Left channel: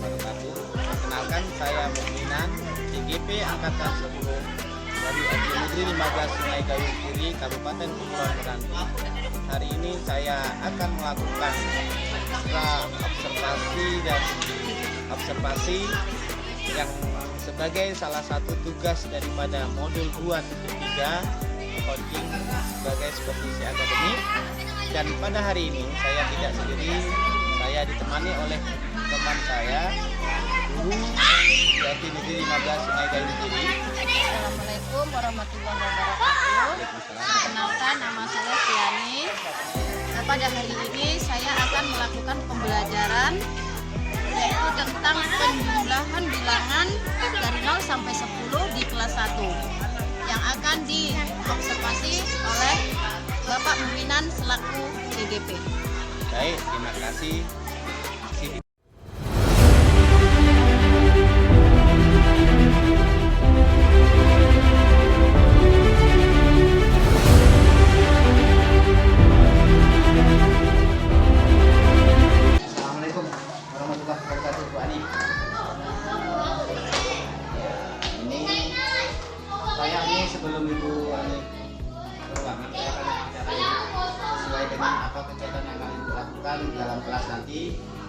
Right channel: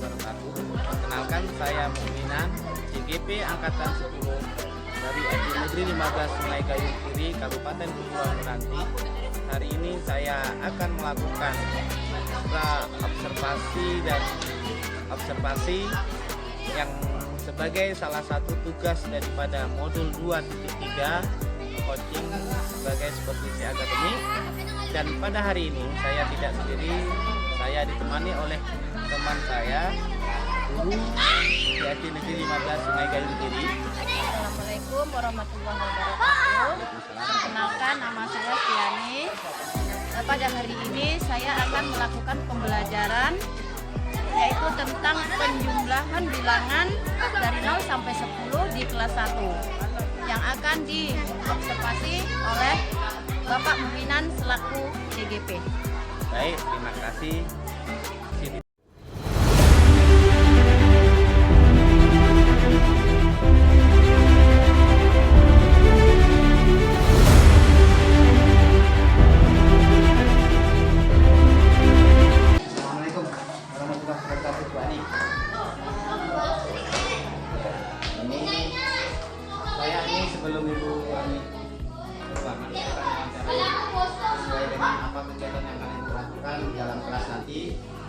warahmatullahi wabarakatuh. Perkenalkan, saya Mukminan, IGP Angkatan 10 dari SD Negeri 15 Sungai Gayung Kiri, Kabupaten Kepulauan Meranti. Hari ini saya akan melakukan observasi yang sebagai salah satu tugas daripada modul 2.3 coaching sebagai supervisi akademik. Dan pada hari ini saya tidak sendiri, saya ditemani oleh teman saya, guru di SD Negeri 15 Sungai Gayung Kiri. Assalamualaikum warahmatullahi wabarakatuh. Perkenalkan, nama saya Tiani. Pada hari ini saya akan melakukan pembelajaran yaitu tentang penjumlahan bilangan dari 0 sampai 10 di kelas 1 yang akan diobservasi oleh Bapak Mukminan selaku IGP. Baik, terima kasih. Assalamualaikum warahmatullahi wabarakatuh, Bu Ani. Ini sebelum Ibu Ani berruangan, saya akan mewawancarai sesuai dengan apa kegiatan yang akan Ibu lakukan dalam kelas nanti,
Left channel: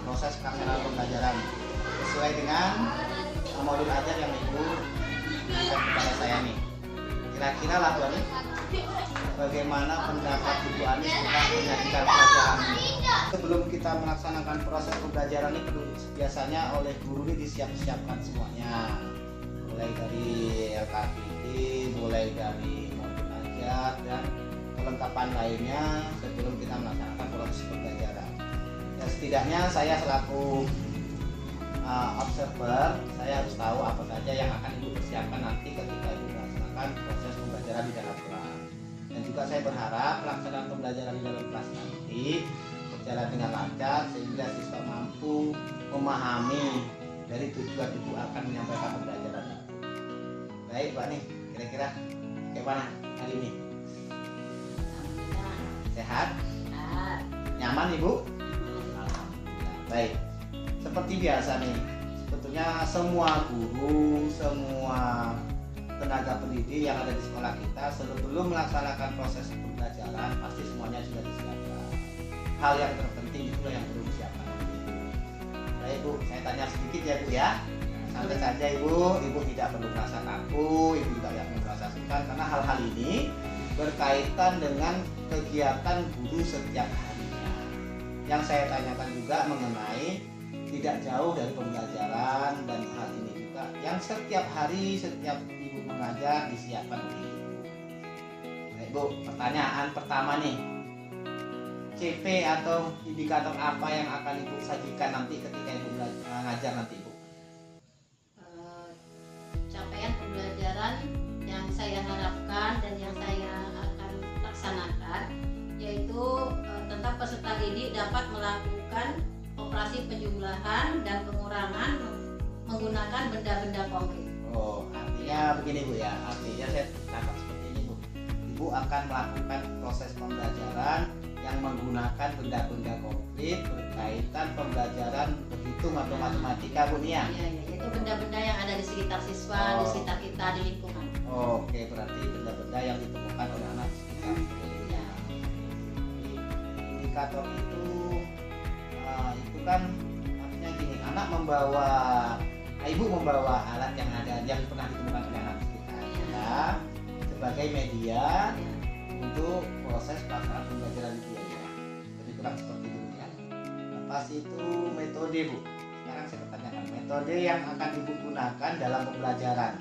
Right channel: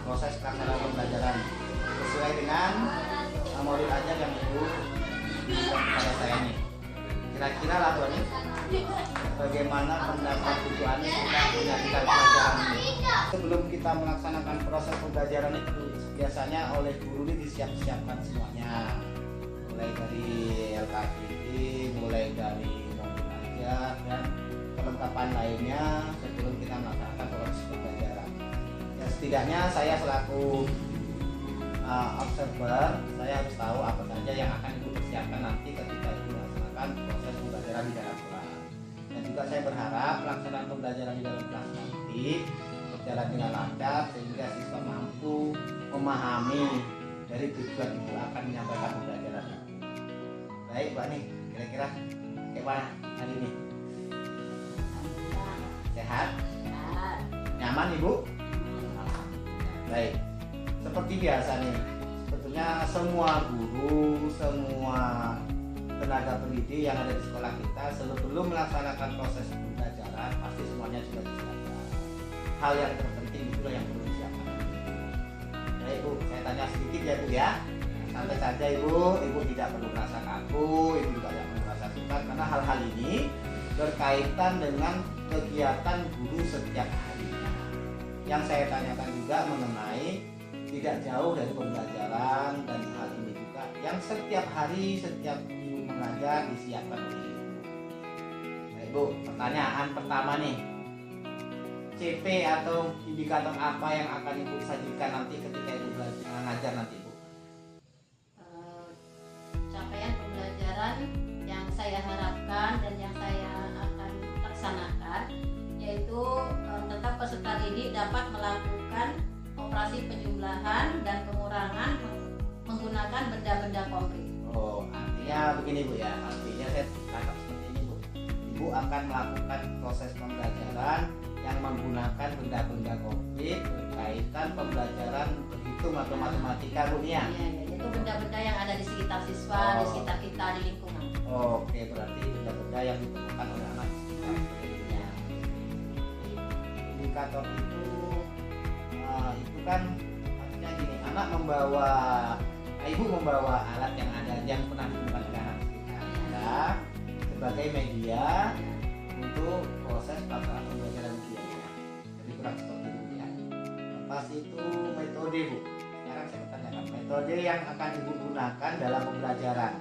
proses pelaksanaan pembelajaran sesuai dengan modul ajar yang Ibu berikan kepada saya nih. Kira-kira lah Bu Ani, bagaimmana pendapat Ibu Ani tentang menyajikan pelajaran ini? Sebelum kita melaksanakan proses pembelajaran itu, biasanya oleh guru ini disiapkan semuanya, mulai dari LKTV, mulai dari modul ajar dan kelengkapan lainnya sebelum kita melaksanakan proses pembelajaran. Ya, setidaknya saya selaku observer, saya harus tahu apa saja yang akan Ibu persiapkan nanti ketika Ibu melaksanakan proses pembelajaran di dalam kelas. Dan juga saya berharap pelaksanaan pembelajaran di dalam kelas nanti berjalan dengan lancar sehingga siswa mampu memahami dari tujuan Ibu akan menyampaikan pembelajaran itu. Baik, Mbak nih, kira-kira kayak mana hari ini? Sehat? Nyaman, Ibu? Alhamdulillah. Baik. Seperti biasa nih, sebetulnya semua guru, semua tenaga pendidik yang ada di sekolah kita sebelum melaksanakan proses pembelajaran pasti semuanya sudah disiapkan. Hal yang terpenting itulah yang perlu disiapkan. Baik, Bu, saya tanya sedikit ya, Bu ya. Santai saja Ibu tidak perlu merasa kaku, Ibu juga tidak perlu merasa sukar karena hal-hal ini berkaitan dengan kegiatan guru setiap harinya. Yang saya tanyakan juga mengenai tidak jauh dari pembelajaran dan hal ini juga yang setiap hari, setiap Ibu mengajar disiapkan oleh Ibu. Baik Bu, pertanyaan pertama nih, CV atau indikator apa yang akan Ibu sajikan nanti ketika Ibu mengajar nanti Ibu? Capaian pembelajaran yang saya harapkan dan yang saya akan laksanakan yaitu tentang peserta didik dapat melakukan operasi penjumlahan dan pengurangan menggunakan benda-benda konkret. Oh, artinya begini Bu ya, artinya saya tangkap seperti ini Bu. Ibu akan melakukan proses pembelajaran yang menggunakan benda-benda konkret berkaitan pembelajaran berhitung atau matematika Bu ya? Iya, itu benda-benda yang ada di sekitar siswa, di sekitar kita, di lingkungan. Oke, berarti benda-benda yang ditemukan oleh anak di sekitar. Ya. Indikator itu kan artinya gini, ibu membawa alat yang ada yang pernah ditemukan oleh anak sekitar kita sebagai media untuk proses pelaksanaan pembelajaran itu ya. Jadi kurang seperti itu ya. Lepas itu metode Bu. Sekarang saya bertanyakan metode yang akan Ibu gunakan dalam pembelajaran.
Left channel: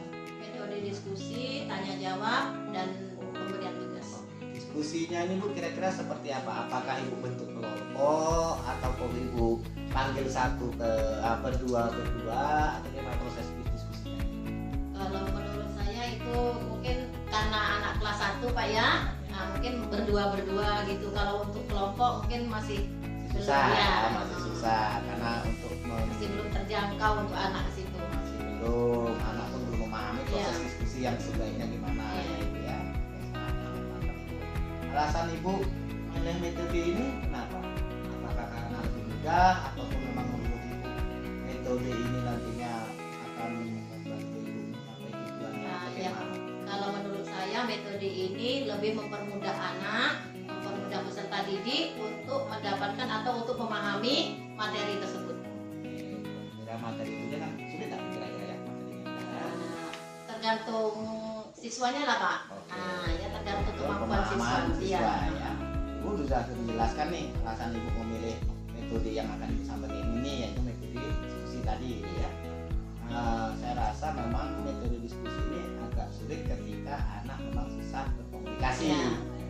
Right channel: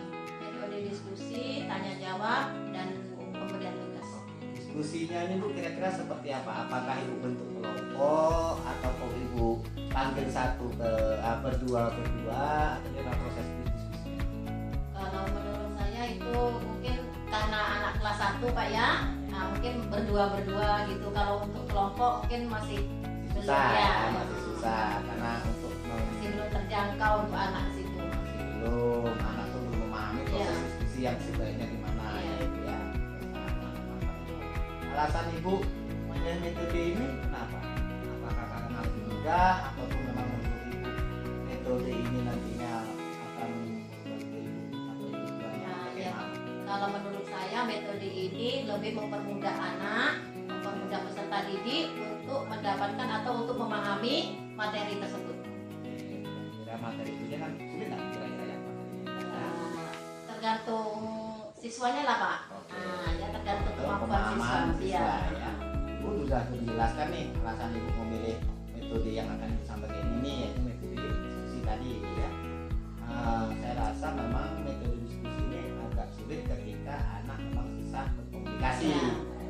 Metode diskusi, tanya jawab, dan pemberian tugas. Diskusinya ini Bu kira-kira seperti apa? Apakah Ibu bentuk kelompok atau Ibu panggil satu berdua atau gimana proses diskusinya? Kalau menurut saya itu mungkin karena anak kelas 1 Pak ya, mungkin berdua gitu. Kalau untuk kelompok mungkin masih susah ya, masih susah karena untuk masih belum terjangkau untuk anak ke situ. masih belum, anak pun belum memahami proses diskusi yang sebaiknya gimana ya Ibu ya. Alasan Ibu memilih metode ini kenapa? Apakah karena lebih mudah ataupun memang menurut Ibu metode metode ini nantinya akan membantu ibu mencapai tujuannya Nah, atau iya. gimana? Kalau menurut saya metode ini lebih mempermudah anak, mempermudah peserta didik untuk mendapatkan atau untuk memahami materi tersebut. Kira materi itu kan sulit nggak kira-kira ya materinya? Nah, tergantung siswanya lah Pak. Oke. Nah, ya tergantung Itu kemampuan siswa. pemahaman Iya. ya. Ibu sudah menjelaskan nih alasan ibu memilih metode yang akan disampaikan ini, yaitu metode diskusi tadi ya. Saya rasa memang metode diskusi ini agak sulit ketika anak memang susah berkomunikasi. Ya.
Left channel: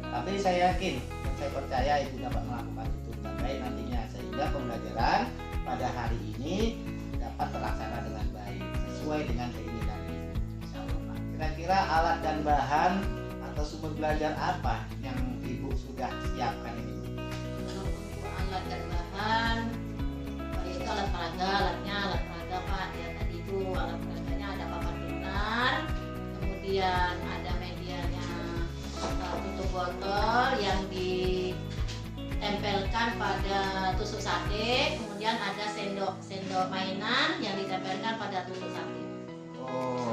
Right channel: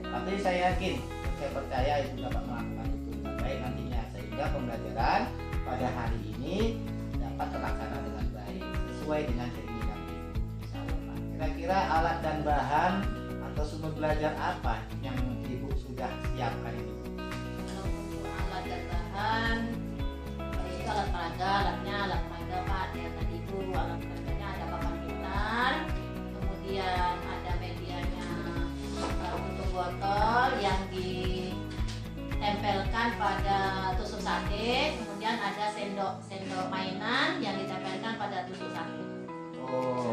Tapi saya yakin dan saya percaya ibu dapat melakukan itu dengan baik nantinya, sehingga pembelajaran pada hari ini dapat terlaksana dengan baik sesuai dengan keinginan ibu. Insya Allah, Pak. Kira-kira alat dan bahan atau sumber belajar apa yang ibu sudah siapkan ini? Kalau untuk alat dan bahan, itu alat peraga, alat peraga Pak. Ya tadi itu alat peraganya ada papan pintar, kemudian ada medianya tutup botol yang ditempelkan pada tusuk sate, kemudian ada sendok mainan yang ditempelkan pada tusuk sate. Oh,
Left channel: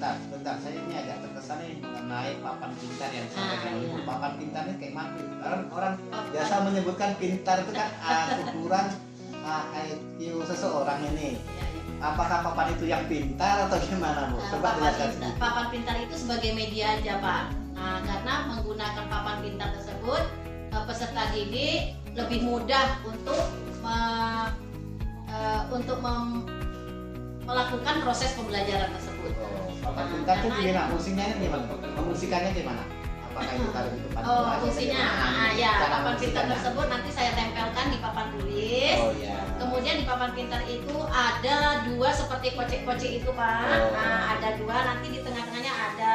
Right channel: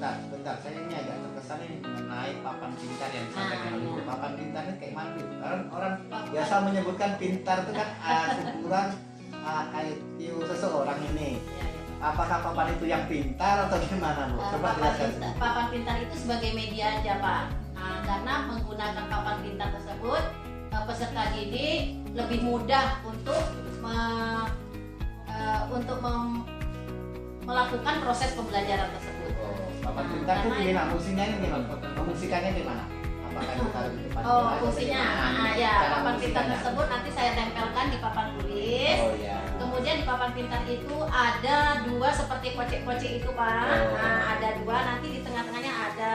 Nah, bentar, saya ini agak terkesan nih mengenai papan pintar yang disampaikan oleh ibu. iya. Papan pintarnya kayak mana? Orang biasa menyebutkan pintar itu kan ukuran IQ seseorang ini. iya, iya. Apakah papan itu yang pintar atau gimana, Bu? Coba jelaskan sedikit. Papan pintar itu sebagai media aja Pak. Nah, karena menggunakan papan pintar tersebut peserta didik lebih mudah untuk melakukan proses pembelajaran tersebut. Oh, papan pintar itu karena gimana? Fungsinya gimana? Memfungsikannya gimana? Apakah itu taruh di depan Oh, kelas atau fungsinya, gimana? ya Cara papan pintar memfungsikannya? tersebut nanti saya tempelkan di papan tulis. Oh ya. Kemudian di papan pintar itu ada dua seperti kocek-kocek itu Pak. Oh. Nah, ada dua, nanti di tengah-tengahnya ada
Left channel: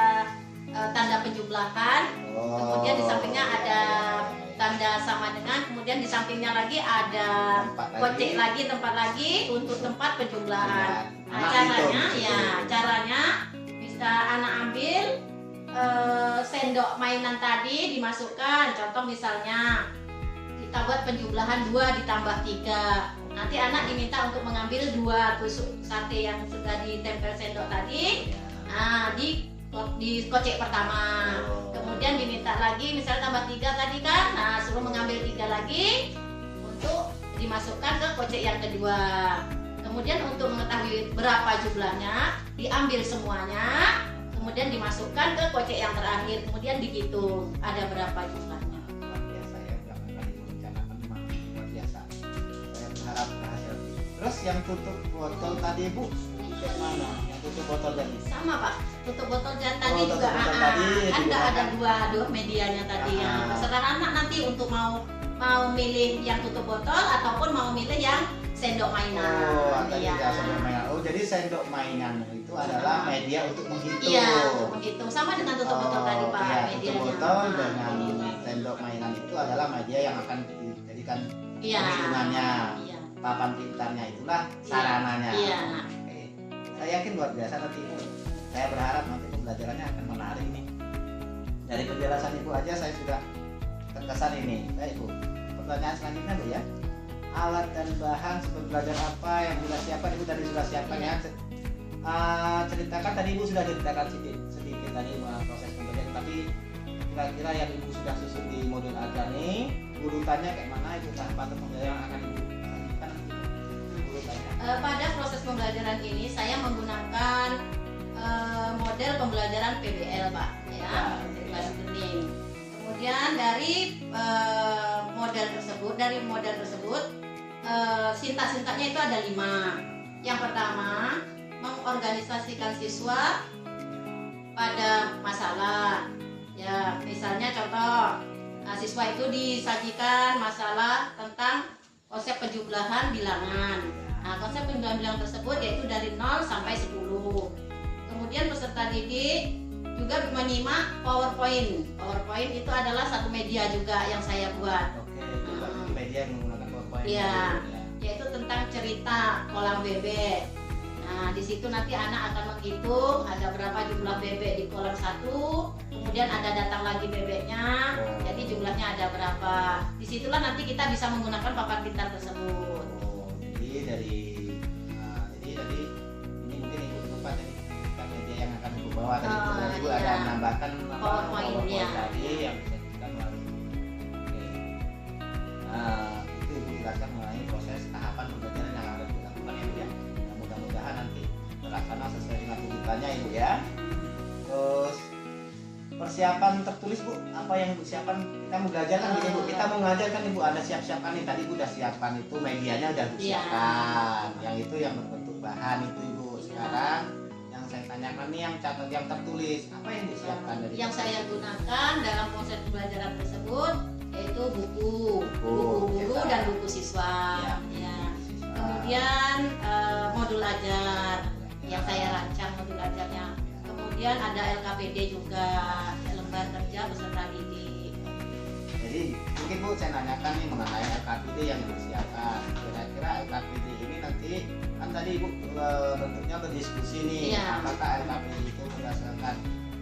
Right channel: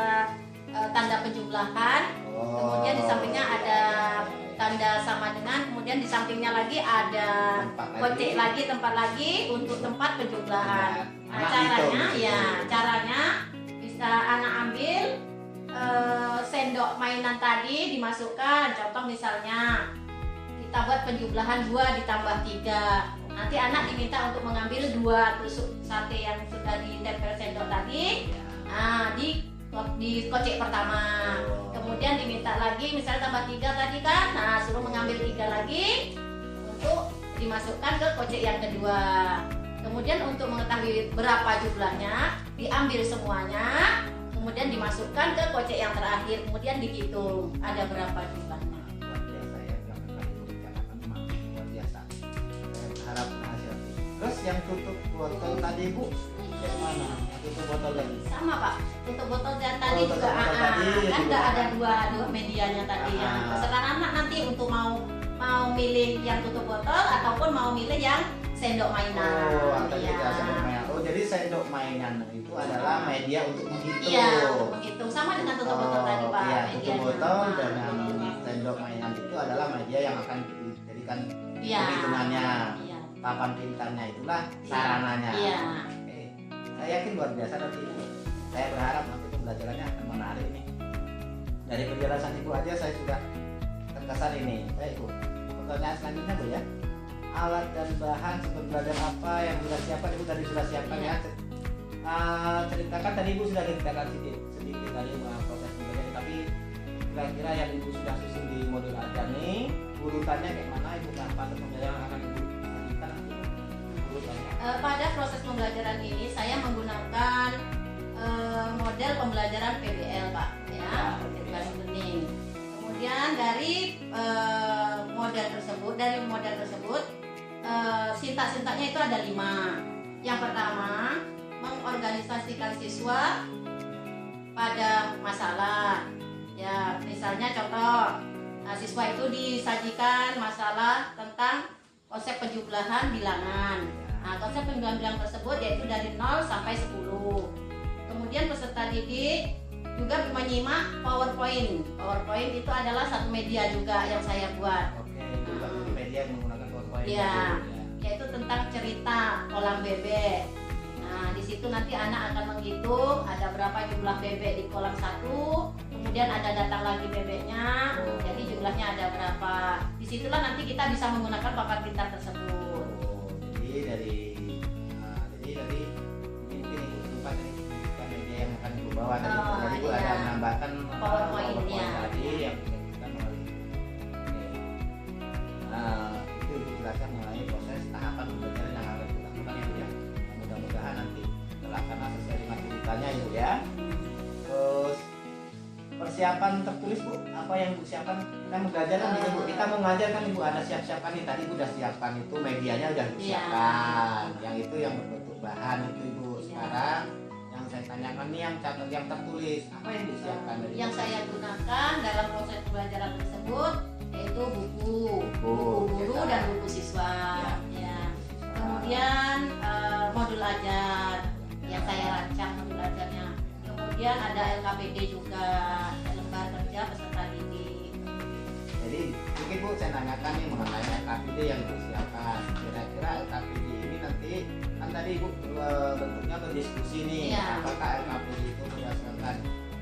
tanda penjumlahan. Oh, Kemudian di sampingnya ada iya. tanda sama dengan, kemudian di sampingnya lagi ada Tempat kocek lagi, tempat lagi untuk tempat penjumlahan. Nah, Anak caranya hitung, ya, gitu. caranya bisa anak ambil sendok mainan tadi dimasukkan. Contoh misalnya kita buat penjumlahan 2 ditambah 3. Nanti anak diminta untuk mengambil 2 tusuk sate yang sudah ditempel sendok tadi. Ya. Nah, di kocek pertama. Oh. Kemudian diminta lagi misalnya tambah 3 tadi kan. Nah, suruh mengambil 3 lagi untuk dimasukkan ke kocek yang kedua. Kemudian untuk mengetahui berapa jumlahnya, diambil semuanya, kemudian dimasukkan ke kocek yang terakhir, kemudian dihitung ada berapa jumlahnya. Luar biasa ya, berapa kali merencanakan memang luar biasa. Saya berharap berhasil. Terus yang tutup botol tadi Bu, kayak mana? Yang tutup botol tadi? Sama Pak, tutup botol dan tadi Oh, tutup juga botol tadi kan juga nggak ada kan? dua medianya tadi. Sekarang anak nanti untuk mau milih yang tutup botol ataupun mau milih yang sendok mainan. Oh, tadi Iya. ya sendok mainan. Oh, jadi sendok mainan itu adalah media untuk menghitung. Iya, menghitung sama dengan tutup botol tadi Pak. Iya, tutup medianya. botol dengan sendok mainan itu adalah media yang akan dijadikan Iya. perhitungannya. Iya. Papan pintarnya itulah sarananya. Iya. Oke. Saya yakin luar biasa nanti Ibu. Saya berharap nanti pembelajarannya akan menarik nih. Dari penjelasan Ibu aja saya sudah terkesan ini. Baik Ibu. Pertanyaan selanjutnya Bu ya. Alat dan bahan sumber belajar apa yang sudah siapkan? Ibu tadi sudah siapkan ya. Ceritakan tadi Ibu sudah ceritakan sedikit tadi proses pembelajaran, tapi kira-kira yang Ibu sudah susun di modul ajar nih urutannya kayak mana Ibu? Patut pembelajaran akan Ibu lanjutkan nanti urutannya. Pada proses pembelajaran ini saya menggunakan model pembelajaran PBL Pak, ya, Project Learning. Kemudian dari model tersebut sintak-sintaknya itu ada 5. Yang pertama, mengorganisasikan siswa pada masalah. Ya, misalnya contoh, siswa itu disajikan masalah tentang konsep penjumlahan bilangan. Nah, konsep penjumlahan bilangan tersebut yaitu dari 0 sampai 10. Kemudian peserta didik juga menyimak PowerPoint. PowerPoint itu adalah satu media juga yang saya buat. Oke, Ibu berarti media yang menggunakan PowerPoint. Iya. Ibu, ya. Yaitu tentang cerita kolam bebek. Nah, di situ nanti anak akan menghitung ada berapa jumlah bebek di kolam 1, kemudian ada datang lagi bebeknya, Oh. jadi jumlahnya ada berapa. Disitulah nanti kita bisa menggunakan papan pintar tersebut. Oh, jadi dari pembelajarannya ibu ya. Terus persiapan tertulis bu, apa yang ibu siapkan? Kita mau belajar kan ibu, kita mau ngajar kan ibu, ada siap-siapkan nih, tadi ibu udah siapkan itu medianya udah ibu siapkan, yang itu yang berbentuk bahan itu ibu. Sekarang yang saya tanyakan nih yang catat, yang tertulis, apa yang disiapkan dari yang saya gunakan dalam proses pembelajaran tersebut yaitu buku guru dan buku siswa ya. Kemudian modul ajar yang saya rancang modul ajarnya. Kemudian ada LKPD juga, lembar kerja peserta didik. Jadi mungkin bu saya nanyakan nih mengenai LKPD yang disiapkan. Kira-kira LKPD ini nanti kan tadi ibu bentuknya berdiskusi nih, apakah LKPD itu berdasarkan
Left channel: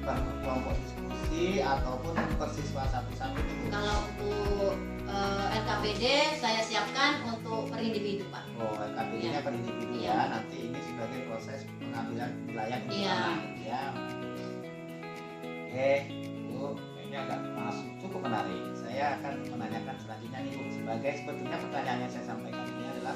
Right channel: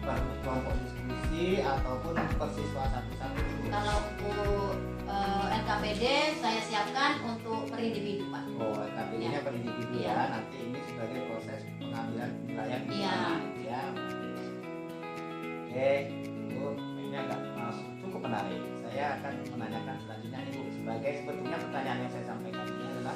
per kelompok diskusi ataupun per siswa satu-satu ibu? Kalau untuk LKPD saya siapkan untuk per individu pak. Oh LKPD-nya per individu ya. Nanti ini sebagai proses pengambilan penilaian anak ya. Oke, Bu, ini agak masuk cukup menarik. Saya akan menanyakan selanjutnya nih Bu, sebagai sebetulnya pertanyaan yang saya sampaikan ini adalah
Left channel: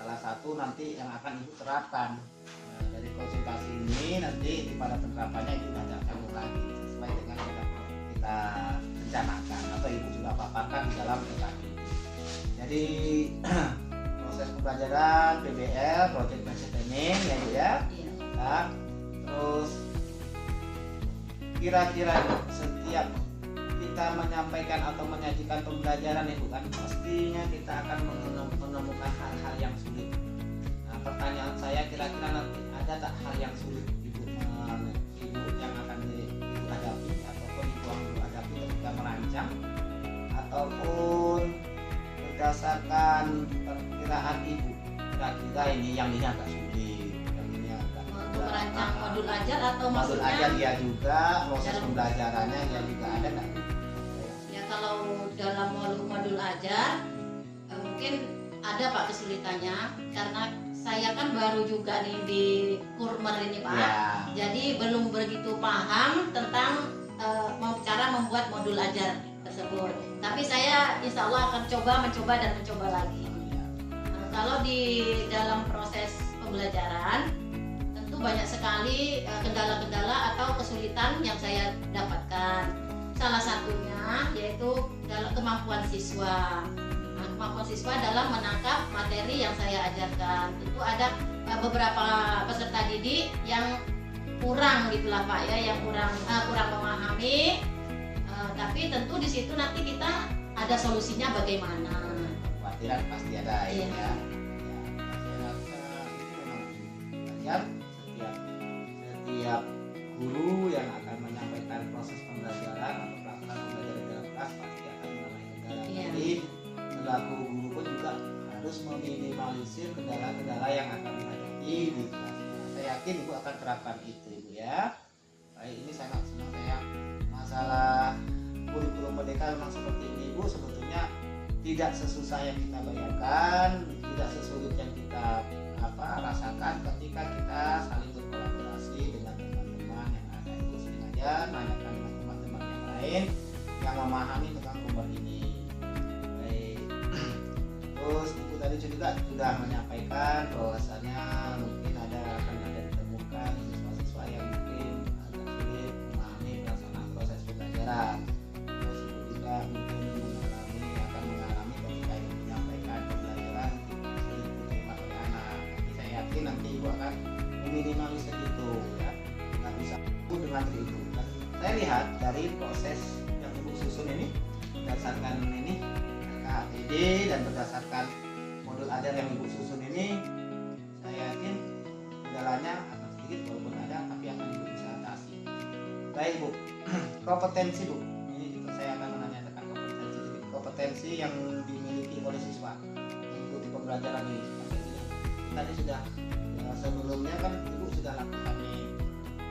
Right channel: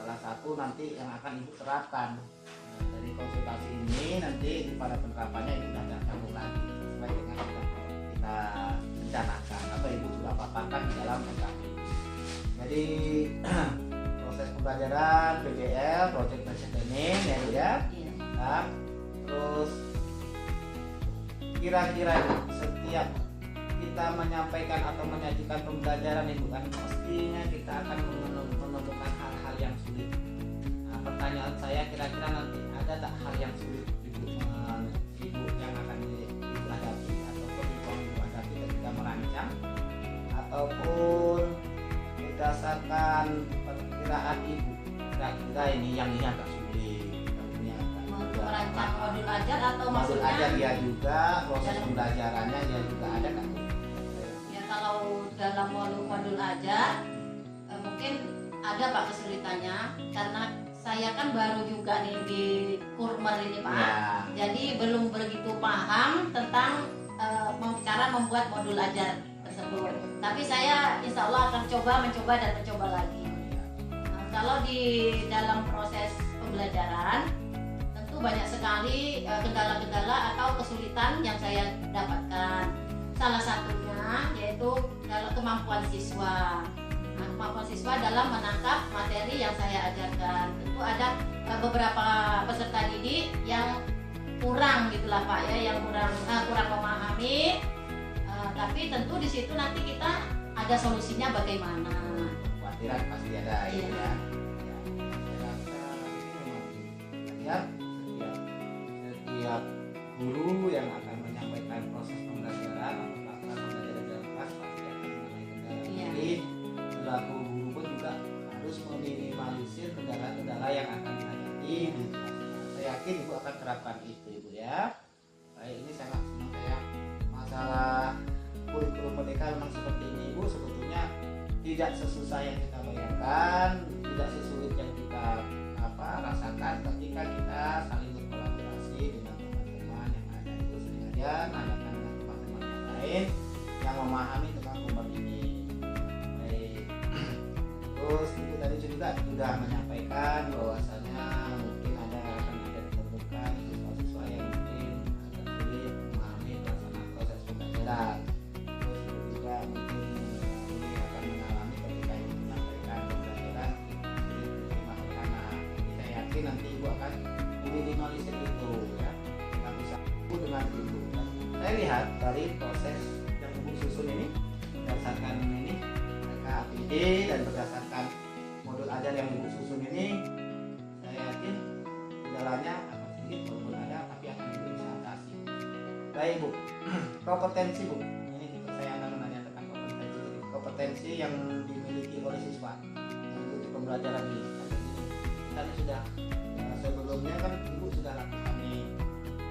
salah satu nanti yang akan Ibu terapkan. Nah, dari konsultasi ini nanti pada penerapannya Ibu tidak akan lagi sesuai dengan yang kita rencanakan atau Ibu sudah paparkan di dalam LKPD. Jadi proses pembelajaran PBL, Project Based Learning ya Bu ya. Nah, terus kira-kira setiap kita menyampaikan atau menyajikan pembelajaran itu kan pastinya kita akan menemukan hal-hal yang sulit. Nah, pertanyaan saya kira-kira nanti ada tak hal yang sulit ibu yang akan ibu hadapi ataupun ibu hadapi ketika merancang ataupun berdasarkan perkiraan ibu kira-kira ini yang agak sulit. Merancang modul ajar atau modul maksudnya ajar dia juga proses pembelajarannya dia juga ada kan ya. Kalau dalam modul ajar mungkin ada pak kesulitannya karena saya kan baru juga nih di Kurmer ini pak jadi belum begitu paham tentang cara membuat modul ajar tersebut, tapi saya insya Allah akan mencoba lagi. Nah, kalau di dalam proses pembelajaran banyak sekali kendala-kendala atau kesulitan yang saya dapatkan. Salah satunya yaitu kemampuan siswa. Nah, kemampuan siswa dalam menangkap materi yang saya ajarkan. Itu ada beberapa peserta didik yang kurang gitulah Pak ya, yang kurang memahami. Tapi tentu di situ nanti kita ada solusinya bagaimana. Kekhawatiran pasti ada ya. Saya rasa ini memang belajar setiap guru yang akan menyampaikan proses pembelajaran atau pelaksanaan pembelajaran dalam kelas pasti akan mengalami kendala. Jadi selaku guru pun juga harus meminimalisir kendala-kendala yang akan dihadapi di kelasnya. Saya yakin ibu akan terapkan itu ibu ya. Baik, ini sangat senang saya. Masalah kurikulum merdeka memang seperti ini ibu, sebetulnya tidak sesusah yang kita bayangkan, tidak sesulit yang kita rasakan ketika kita saling berkolaborasi dengan teman-teman yang ada itu sengaja nanyakan dengan teman-teman yang lain yang memahami tentang Kurmer ini. Baik. Terus ibu tadi juga sudah menyampaikan bahwasannya mungkin akan ada ditemukan siswa-siswa yang mungkin agak sulit memahami pelaksanaan proses pembelajaran. Terus ibu juga mungkin akan mengalami ketika ibu menyampaikan pembelajaran sulit diterima oleh anak. Saya yakin nanti ibu akan meminimalisir itu ya, dengan bisa dengan itu. Dan saya lihat dari proses yang ibu susun ini berdasarkan ini LKPD dan berdasarkan modul ajar yang ibu susun ini, saya yakin kendalanya akan sedikit walaupun ada, tapi akan ibu bisa atasi. Baik bu, kompetensi bu, ini saya akan menanyakan kompetensi yang dimiliki oleh siswa mengikuti pembelajaran ini. Tadi sudah sebelumnya kan ibu sudah lakukan nih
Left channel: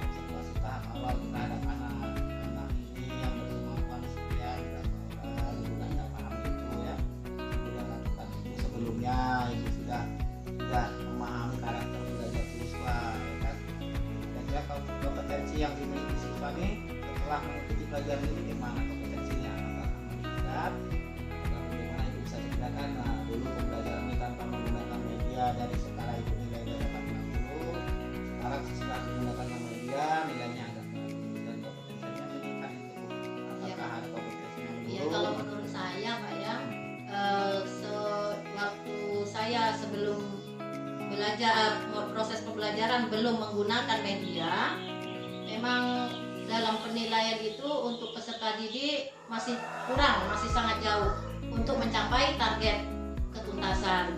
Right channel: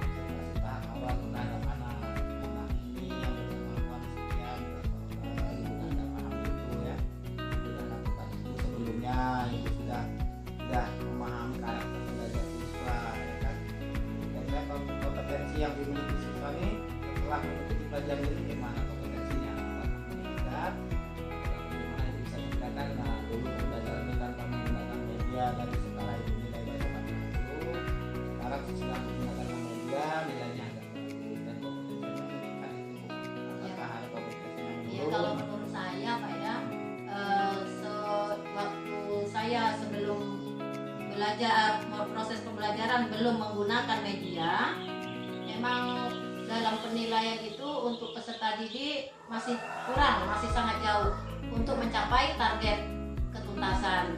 observasi tahap awal terhadap anak ini yang berkemampuan sekian berapa orang, ibu sudah paham itu ya, ibu sudah lakukan itu sebelumnya, ibu sudah memahami karakter belajar siswa ya kan. Kira-kira kompetensi yang dimiliki siswa ini setelah mengikuti pelajaran ini gimana kompetensinya, apakah meningkat atau bagaimana ibu bisa ceritakan. Nah dulu pembelajaran ini tanpa menggunakan media dari skala ibu nilai dari 80, sekarang setelah menggunakan media proses pembelajaran belum menggunakan media, memang dalam penilaian itu untuk peserta didik masih kurang, masih sangat jauh untuk mencapai target ketuntasan.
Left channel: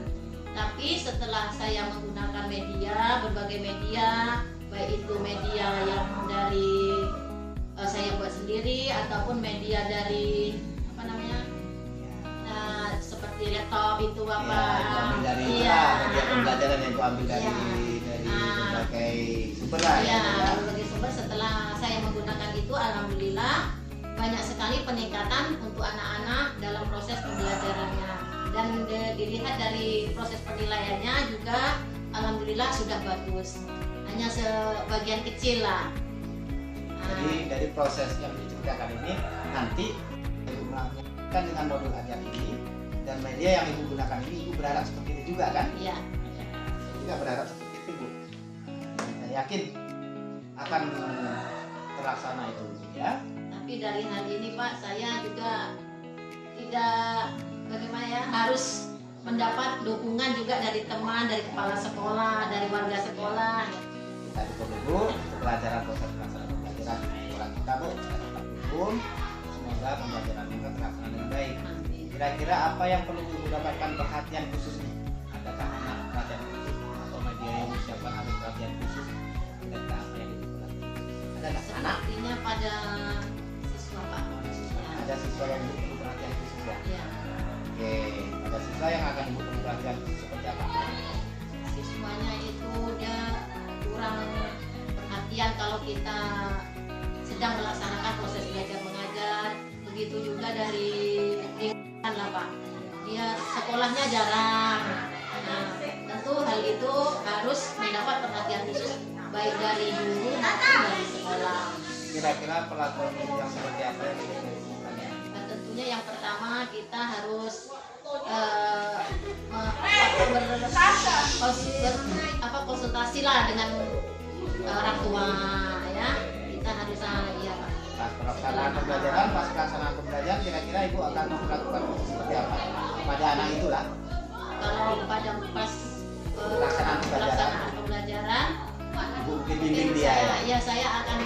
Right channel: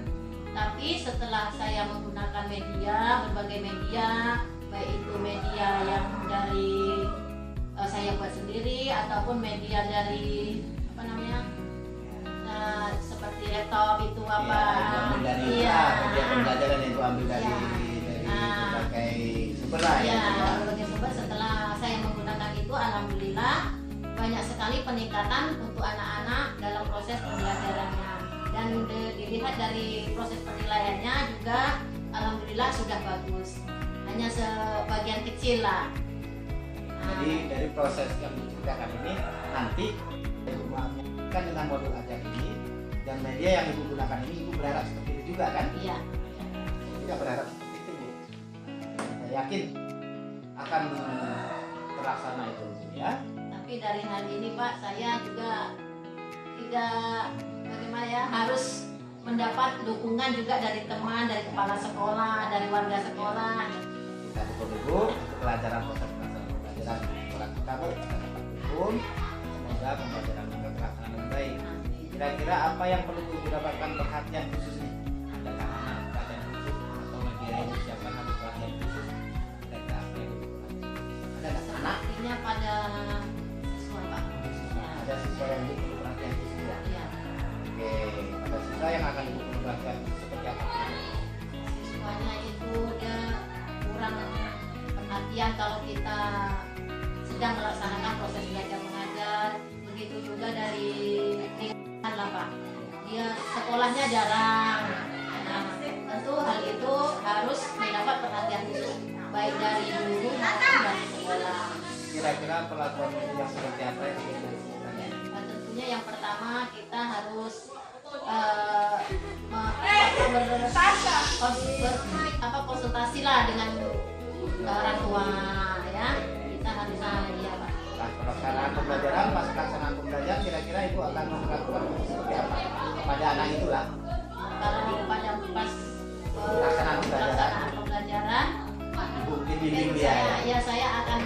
Tapi setelah saya menggunakan media, berbagai media, baik itu media yang dari saya buat sendiri ataupun media dari apa namanya, seperti laptop itu apa, ambil dari media pembelajaran yang gua ambil dari berbagai sumber lah ya. Berbagai sumber. Setelah saya menggunakan itu, alhamdulillah banyak sekali peningkatan untuk anak-anak dalam proses pembelajarannya, dan dilihat dari proses penilaiannya juga alhamdulillah sudah bagus, hanya sebagian kecil lah. Jadi dari proses yang diceritakan ini nanti ibu melakukan dengan modul ajar ini dan media yang ibu gunakan ini, ibu berharap seperti itu juga kan? Iya. Saya juga berharap seperti itu, Bu. Saya yakin akan terlaksana itu, Bu, ya. Tapi dari hal ini Pak, saya juga tidak bagaimana ya, harus mendapat dukungan juga dari teman, dari kepala sekolah, dari warga sekolah. Kita dukung Ibu untuk pelajaran proses pelaksanaan pembelajaran sekolah kita, Bu. Kita tetap dukung, semoga pembelajaran kita terlaksana dengan baik. Kira-kira apa yang perlu Ibu dapatkan perhatian khusus nih? Adakah anak perhatian khusus atau media yang disiapkan harus perhatian khusus? Kira-kira apa yang Ibu perhatikan? Ada nggak anak? Sepertinya pada siswa Pak. Ada siswa yang Ibu perlu perhatian khusus ya? Iya. Oke, pada siswa yang akan Ibu perlu perhatian khusus seperti apa? Siswanya itu dia kurang perhatian kalau kita sedang melaksanakan proses belajar mengajar. Begitu juga dari lingkungan lah Pak. Dia sekolahnya jarang. Nah, tentu hal itu harus mendapat perhatian khusus baik dari guru maupun dari sekolah. Kira-kira perlakuan guru yang seperti apa yang Ibu tanya? Nah, tentunya yang pertama kita harus konsultasi lah dengan orang tua ya. Kita harus ya Pak. Pas pelaksanaan pembelajaran, kira-kira Ibu akan melakukan seperti apa kepada anak itulah? Kalau pada pas Pelaksanaan pembelajaran, Ibu mungkin bimbing dia ya? Ya saya akan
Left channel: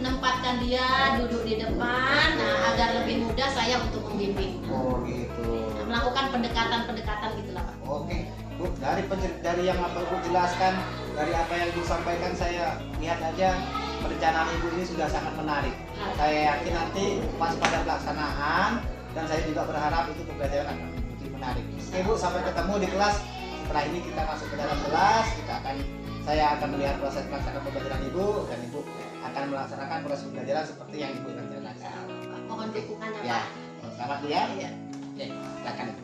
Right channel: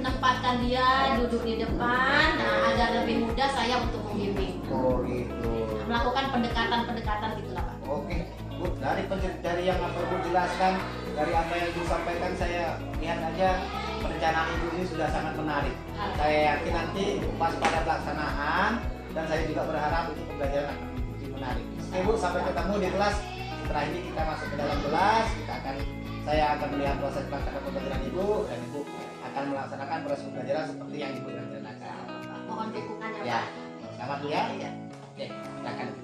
menempatkan dia duduk di depan, nah agar lebih mudah saya untuk membimbing. Oh gitu. Melakukan pendekatan gitulah Pak. Oke, Bu, dari yang apa Ibu jelaskan, dari apa yang Ibu sampaikan, saya lihat aja perencanaan Ibu ini sudah sangat menarik. Saya yakin nanti pas pada pelaksanaan, dan saya juga berharap itu pembelajaran akan lebih menarik. Oke Bu, sampai ketemu di kelas. Setelah ini kita masuk ke dalam kelas, saya akan melihat proses pelaksanaan pembelajaran Ibu, dan Ibu akan melaksanakan proses pembelajaran seperti yang Ibu rencanakan. Mohon dukungannya Ya, Pak. selamat dulu ya. Oke, silakan.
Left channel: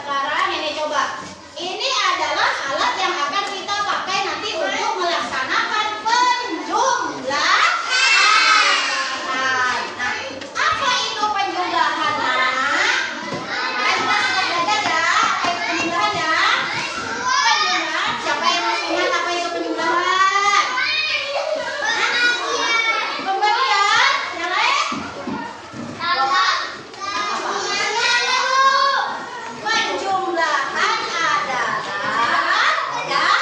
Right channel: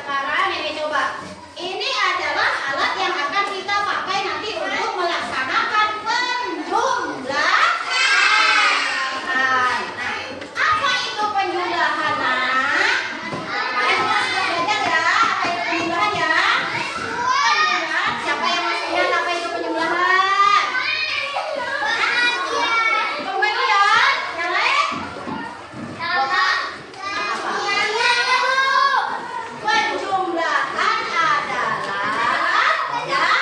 Sekarang ini coba. Ini adalah alat yang akan kita pakai nanti untuk melaksanakan penjumlahan. Nah, apa itu penjumlahan? Kalian semua sudah belajar ya? Apa itu penjumlahan ya? Penjumlahan. Siapa yang masih ingat apa itu penjumlahan? Pembelian? Yang lain? Penjumlahan adalah ya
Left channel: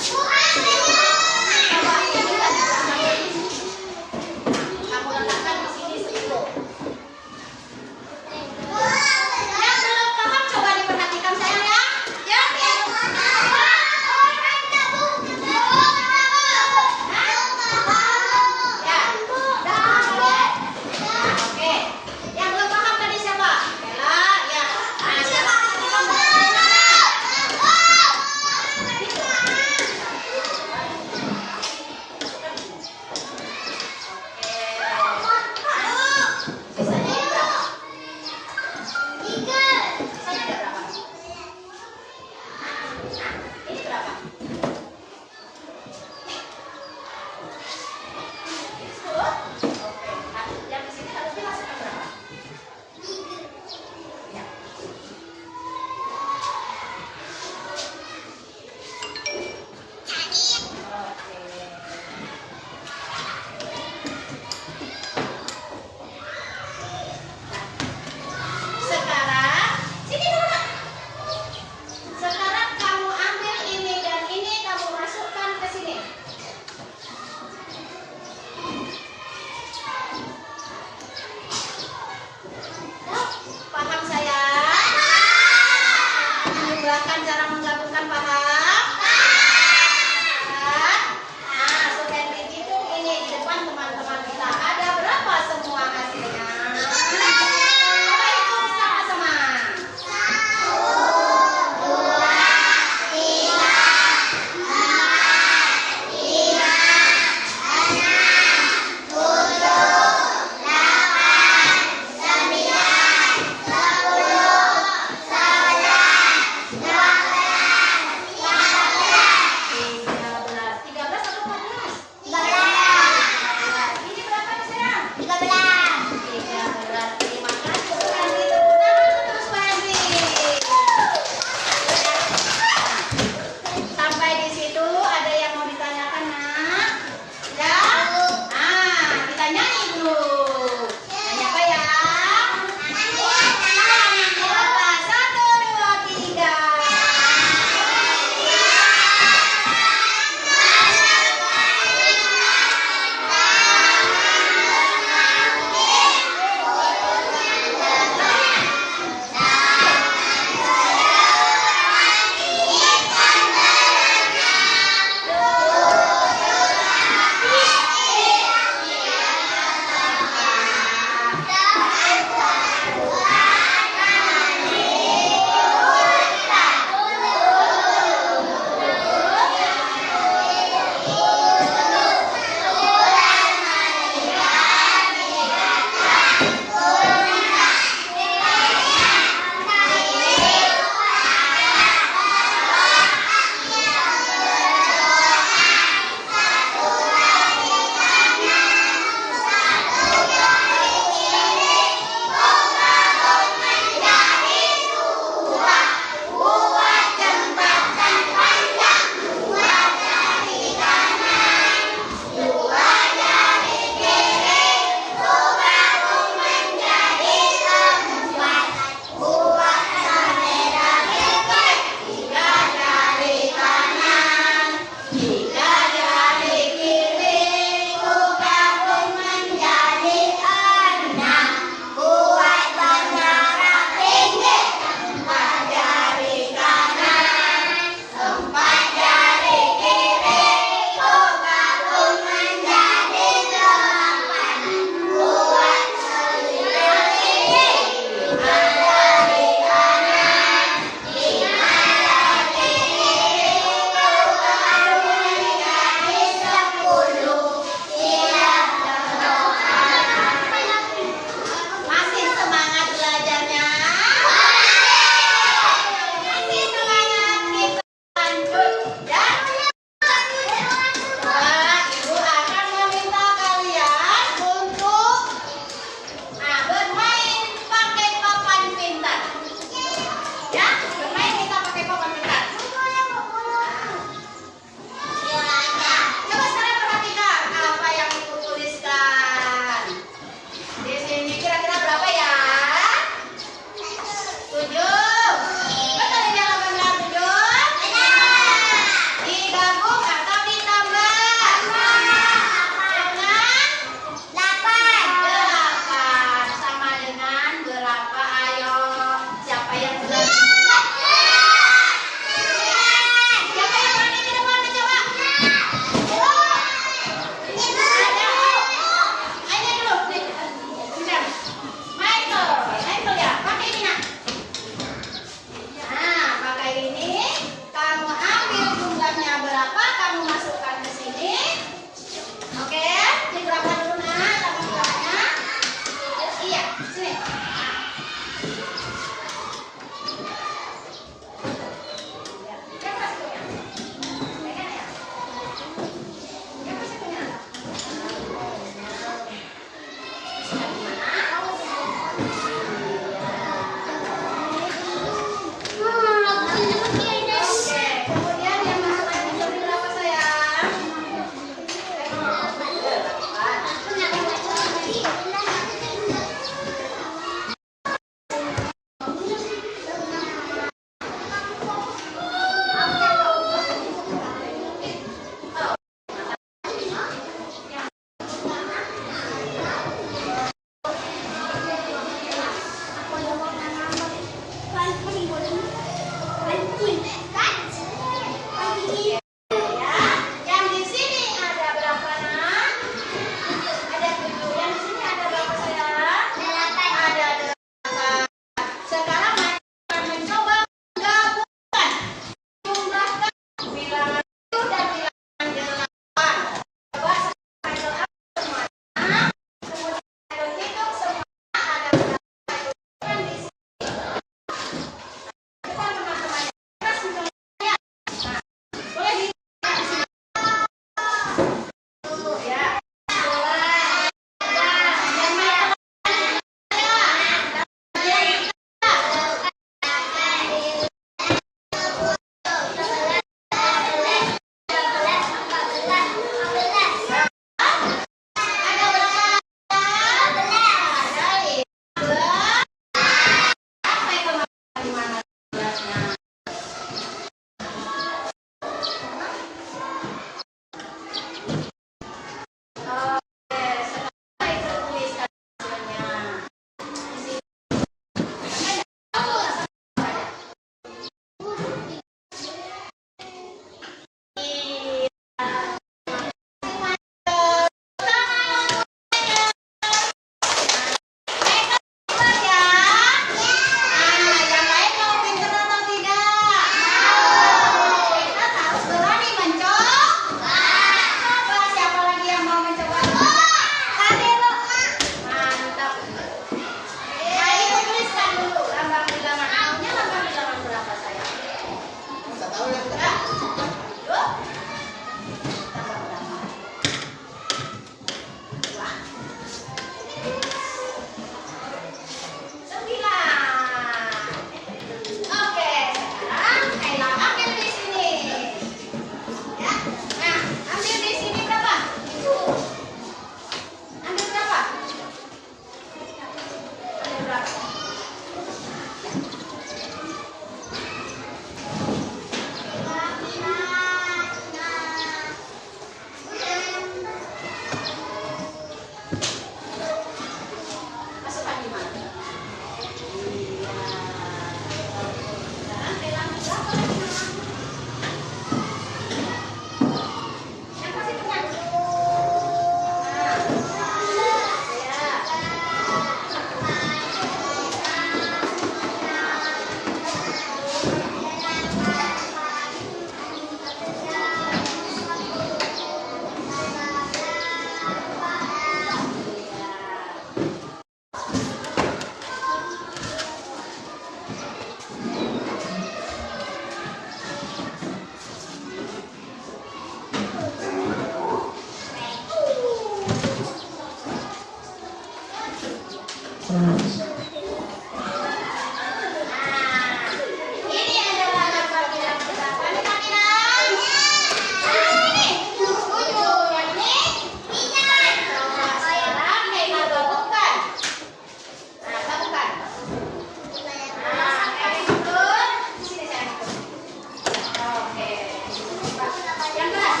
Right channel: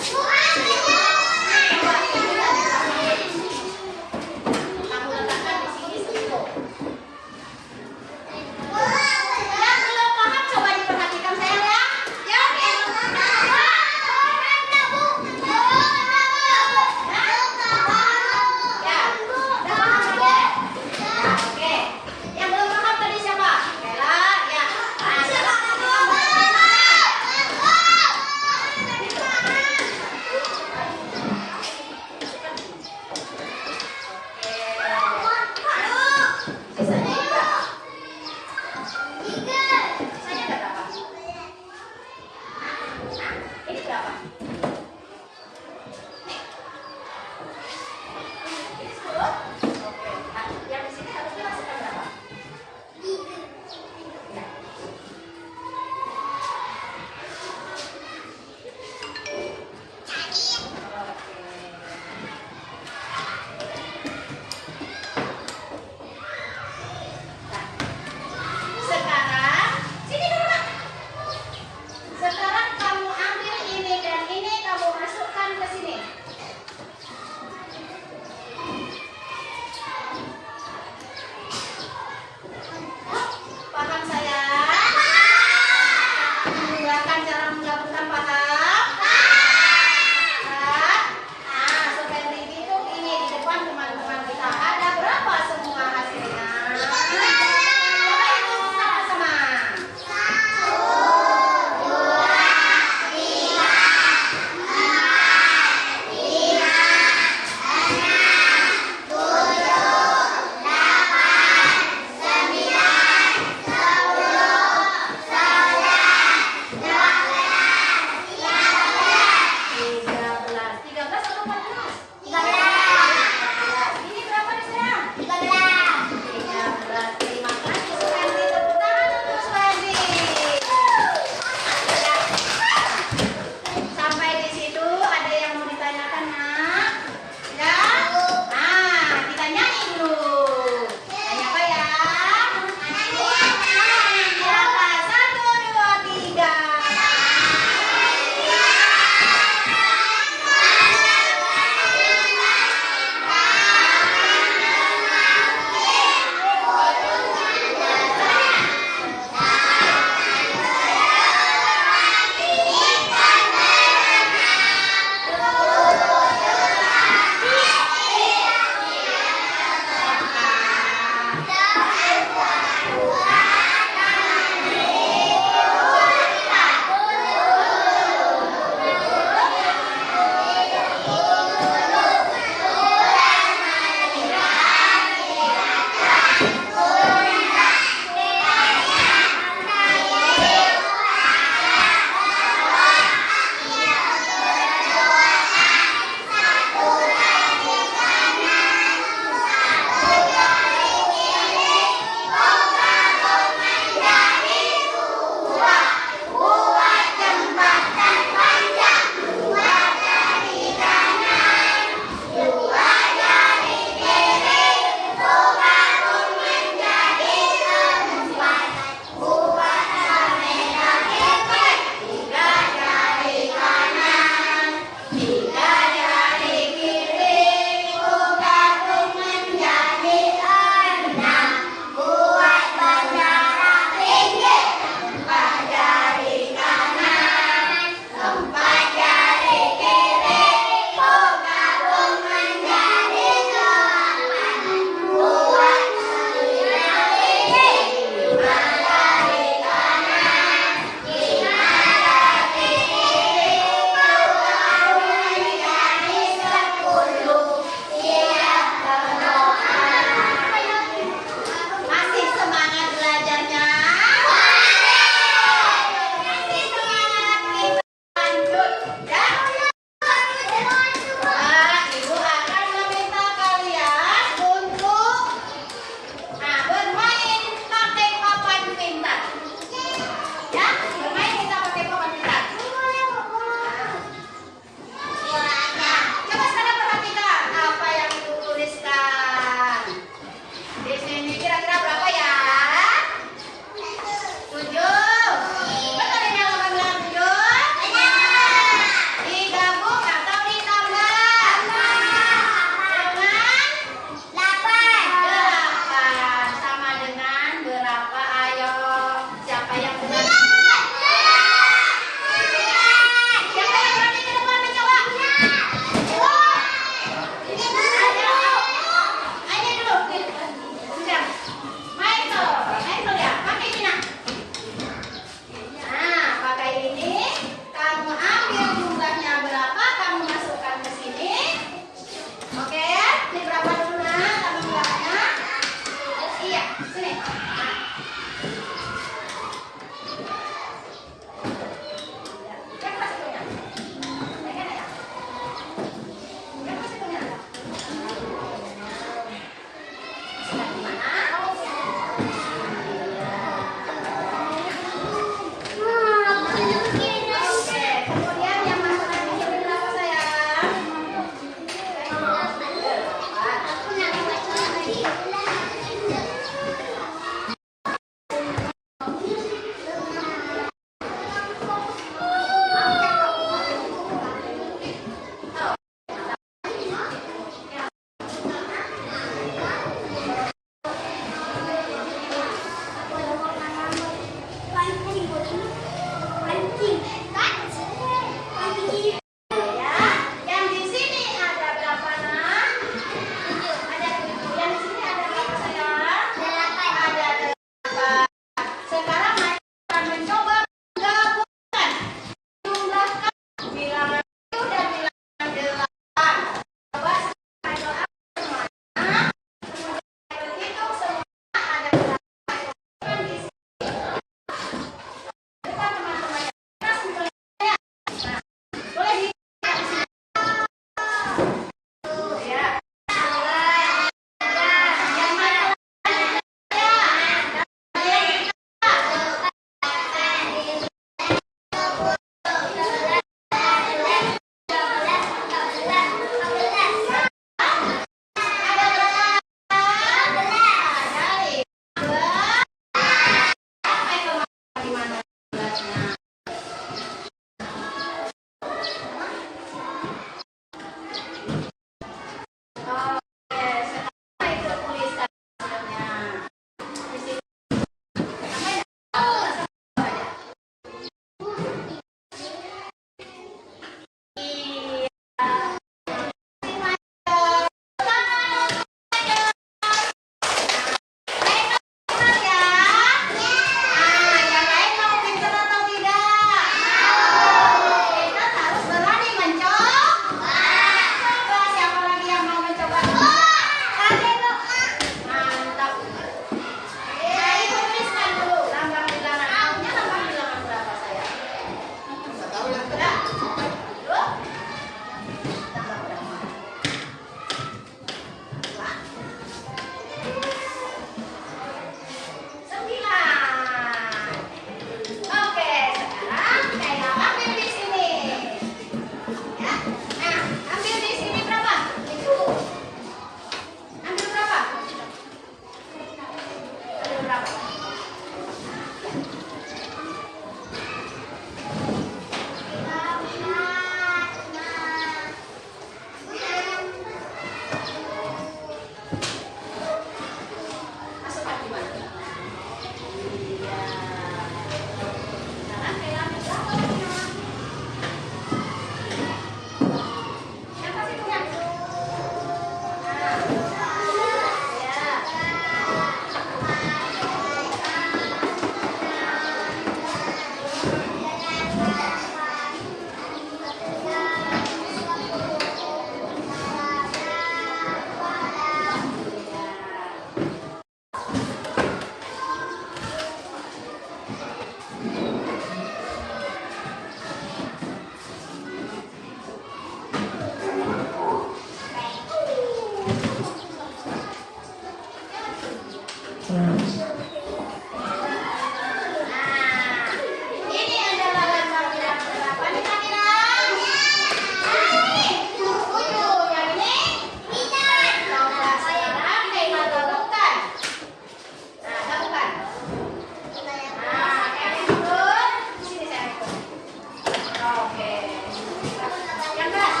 Yang keras.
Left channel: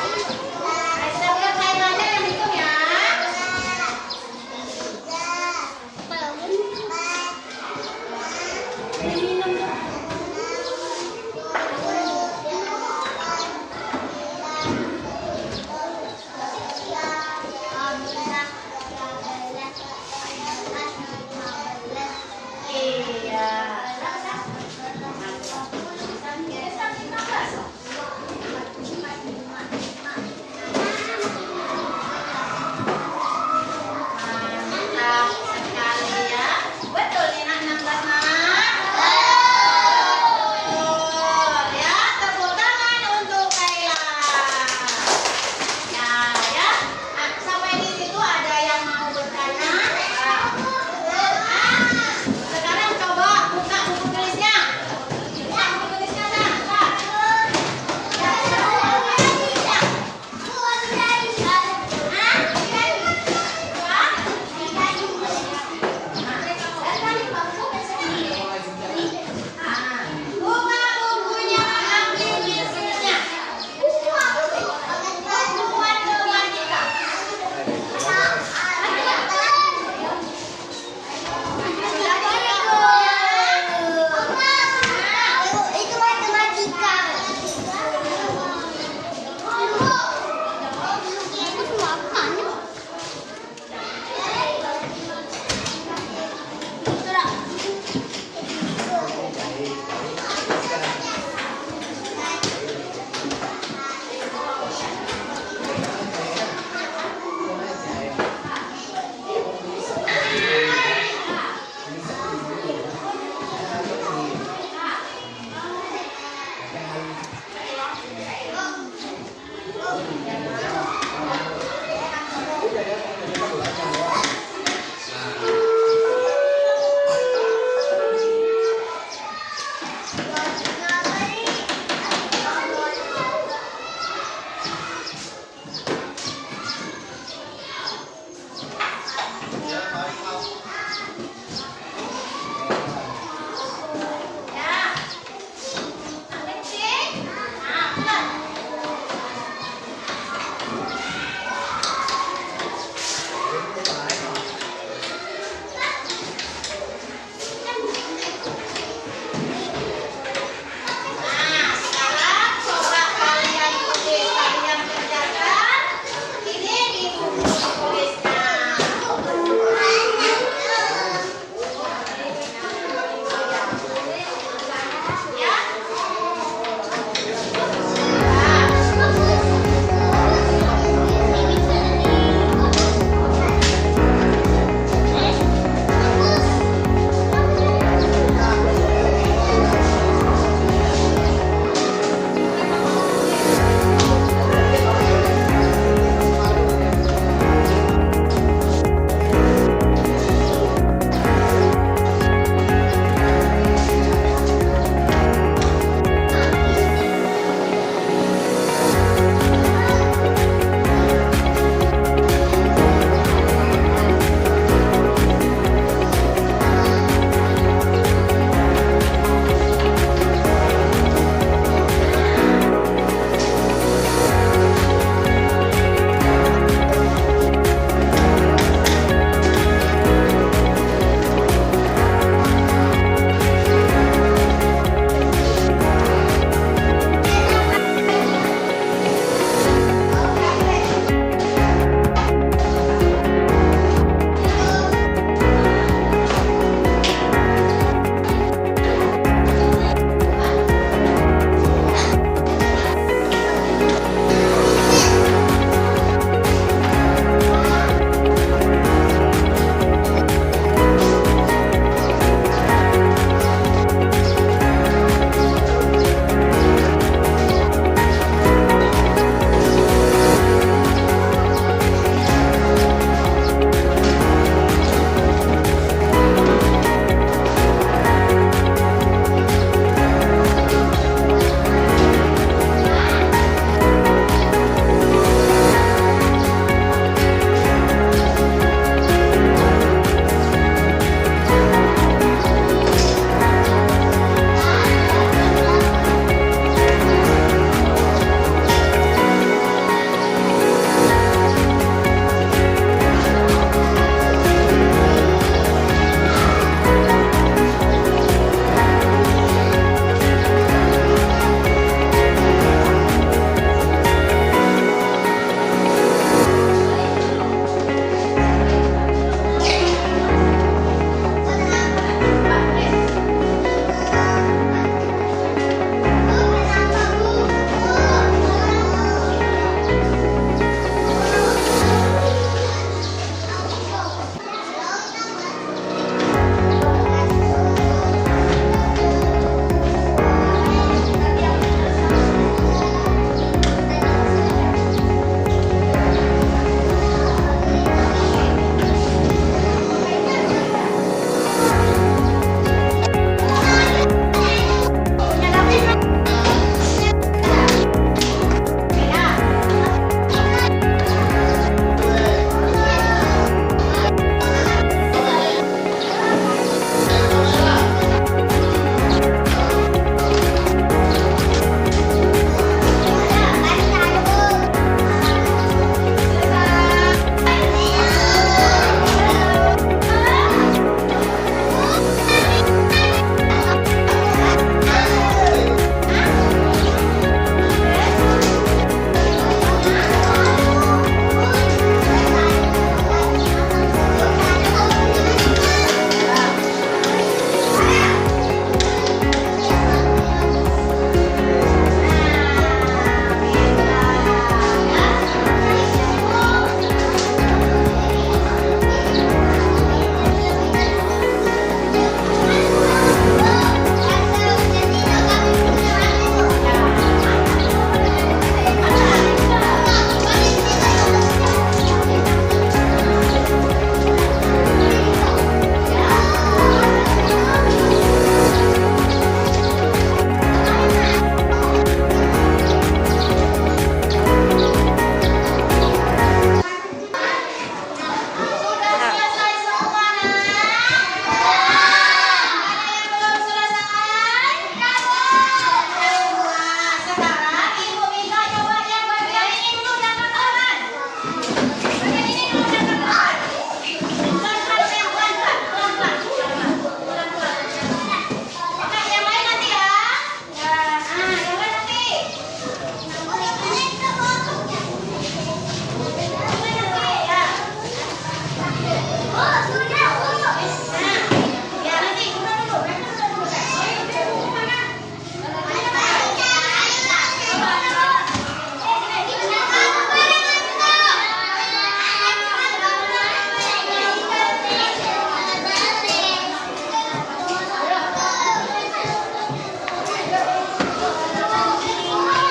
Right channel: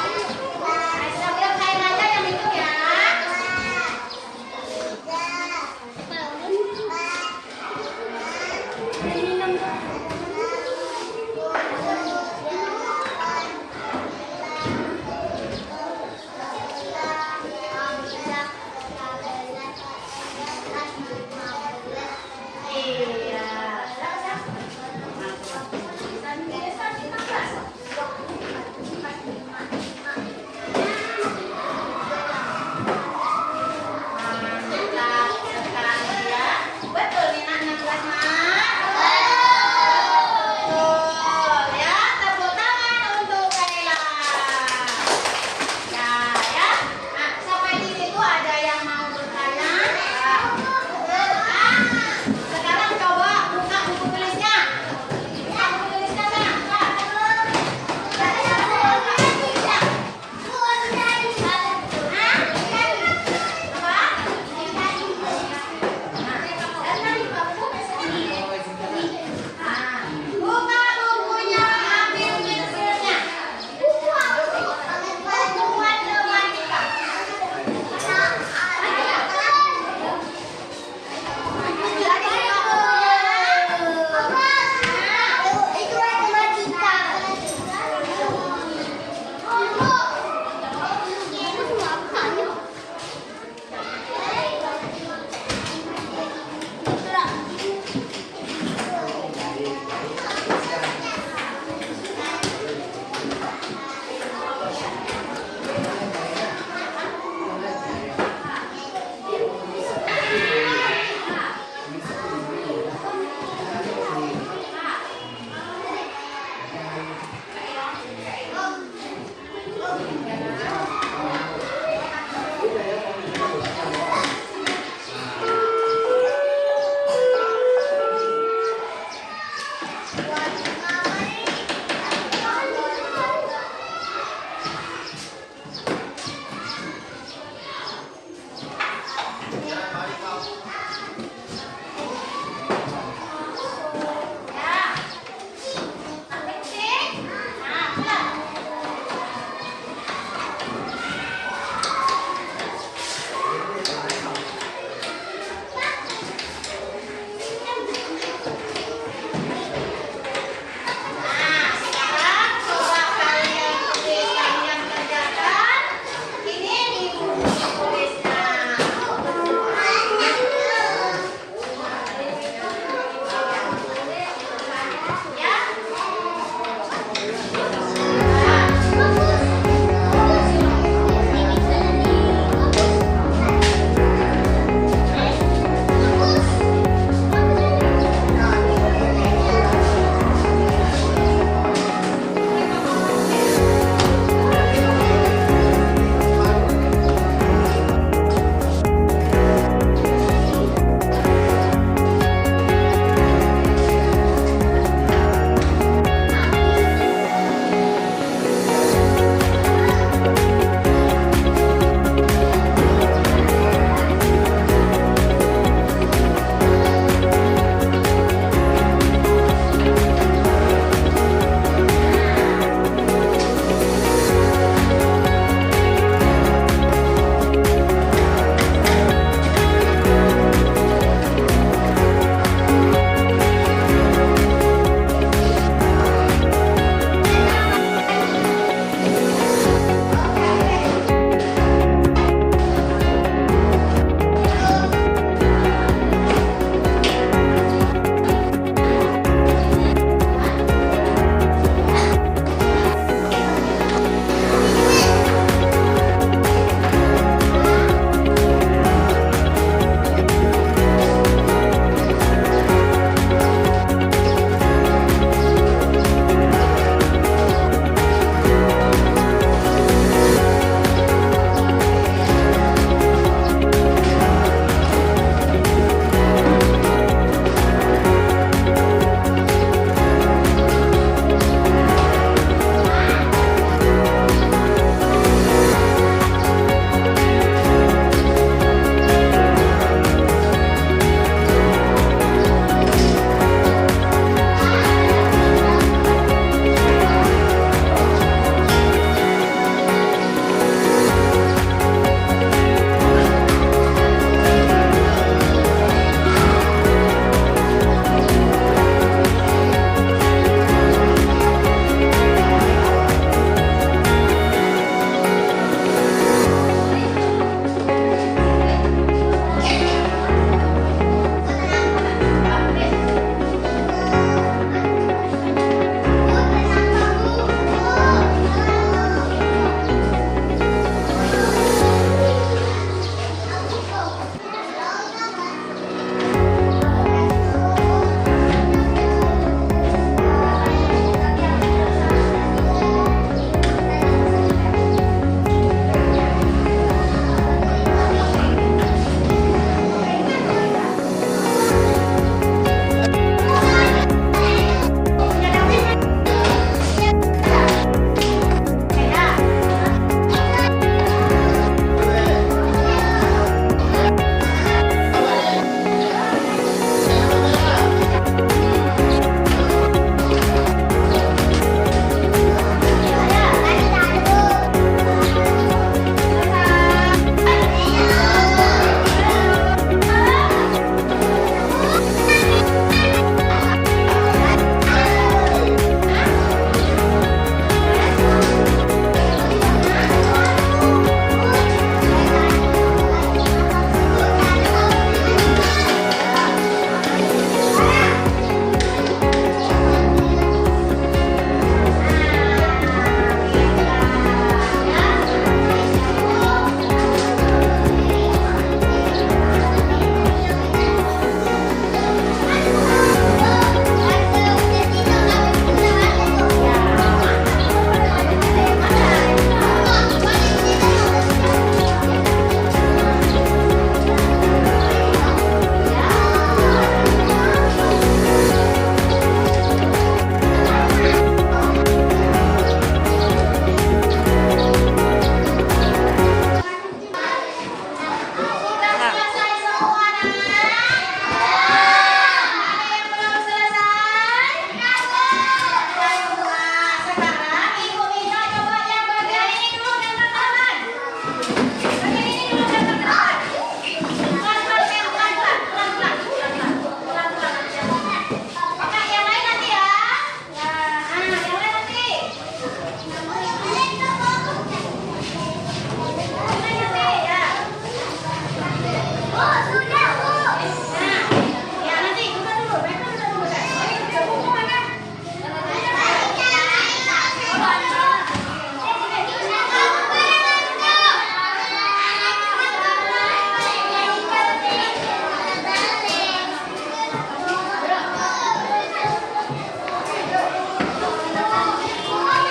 Biar saya aja yang hitung ya.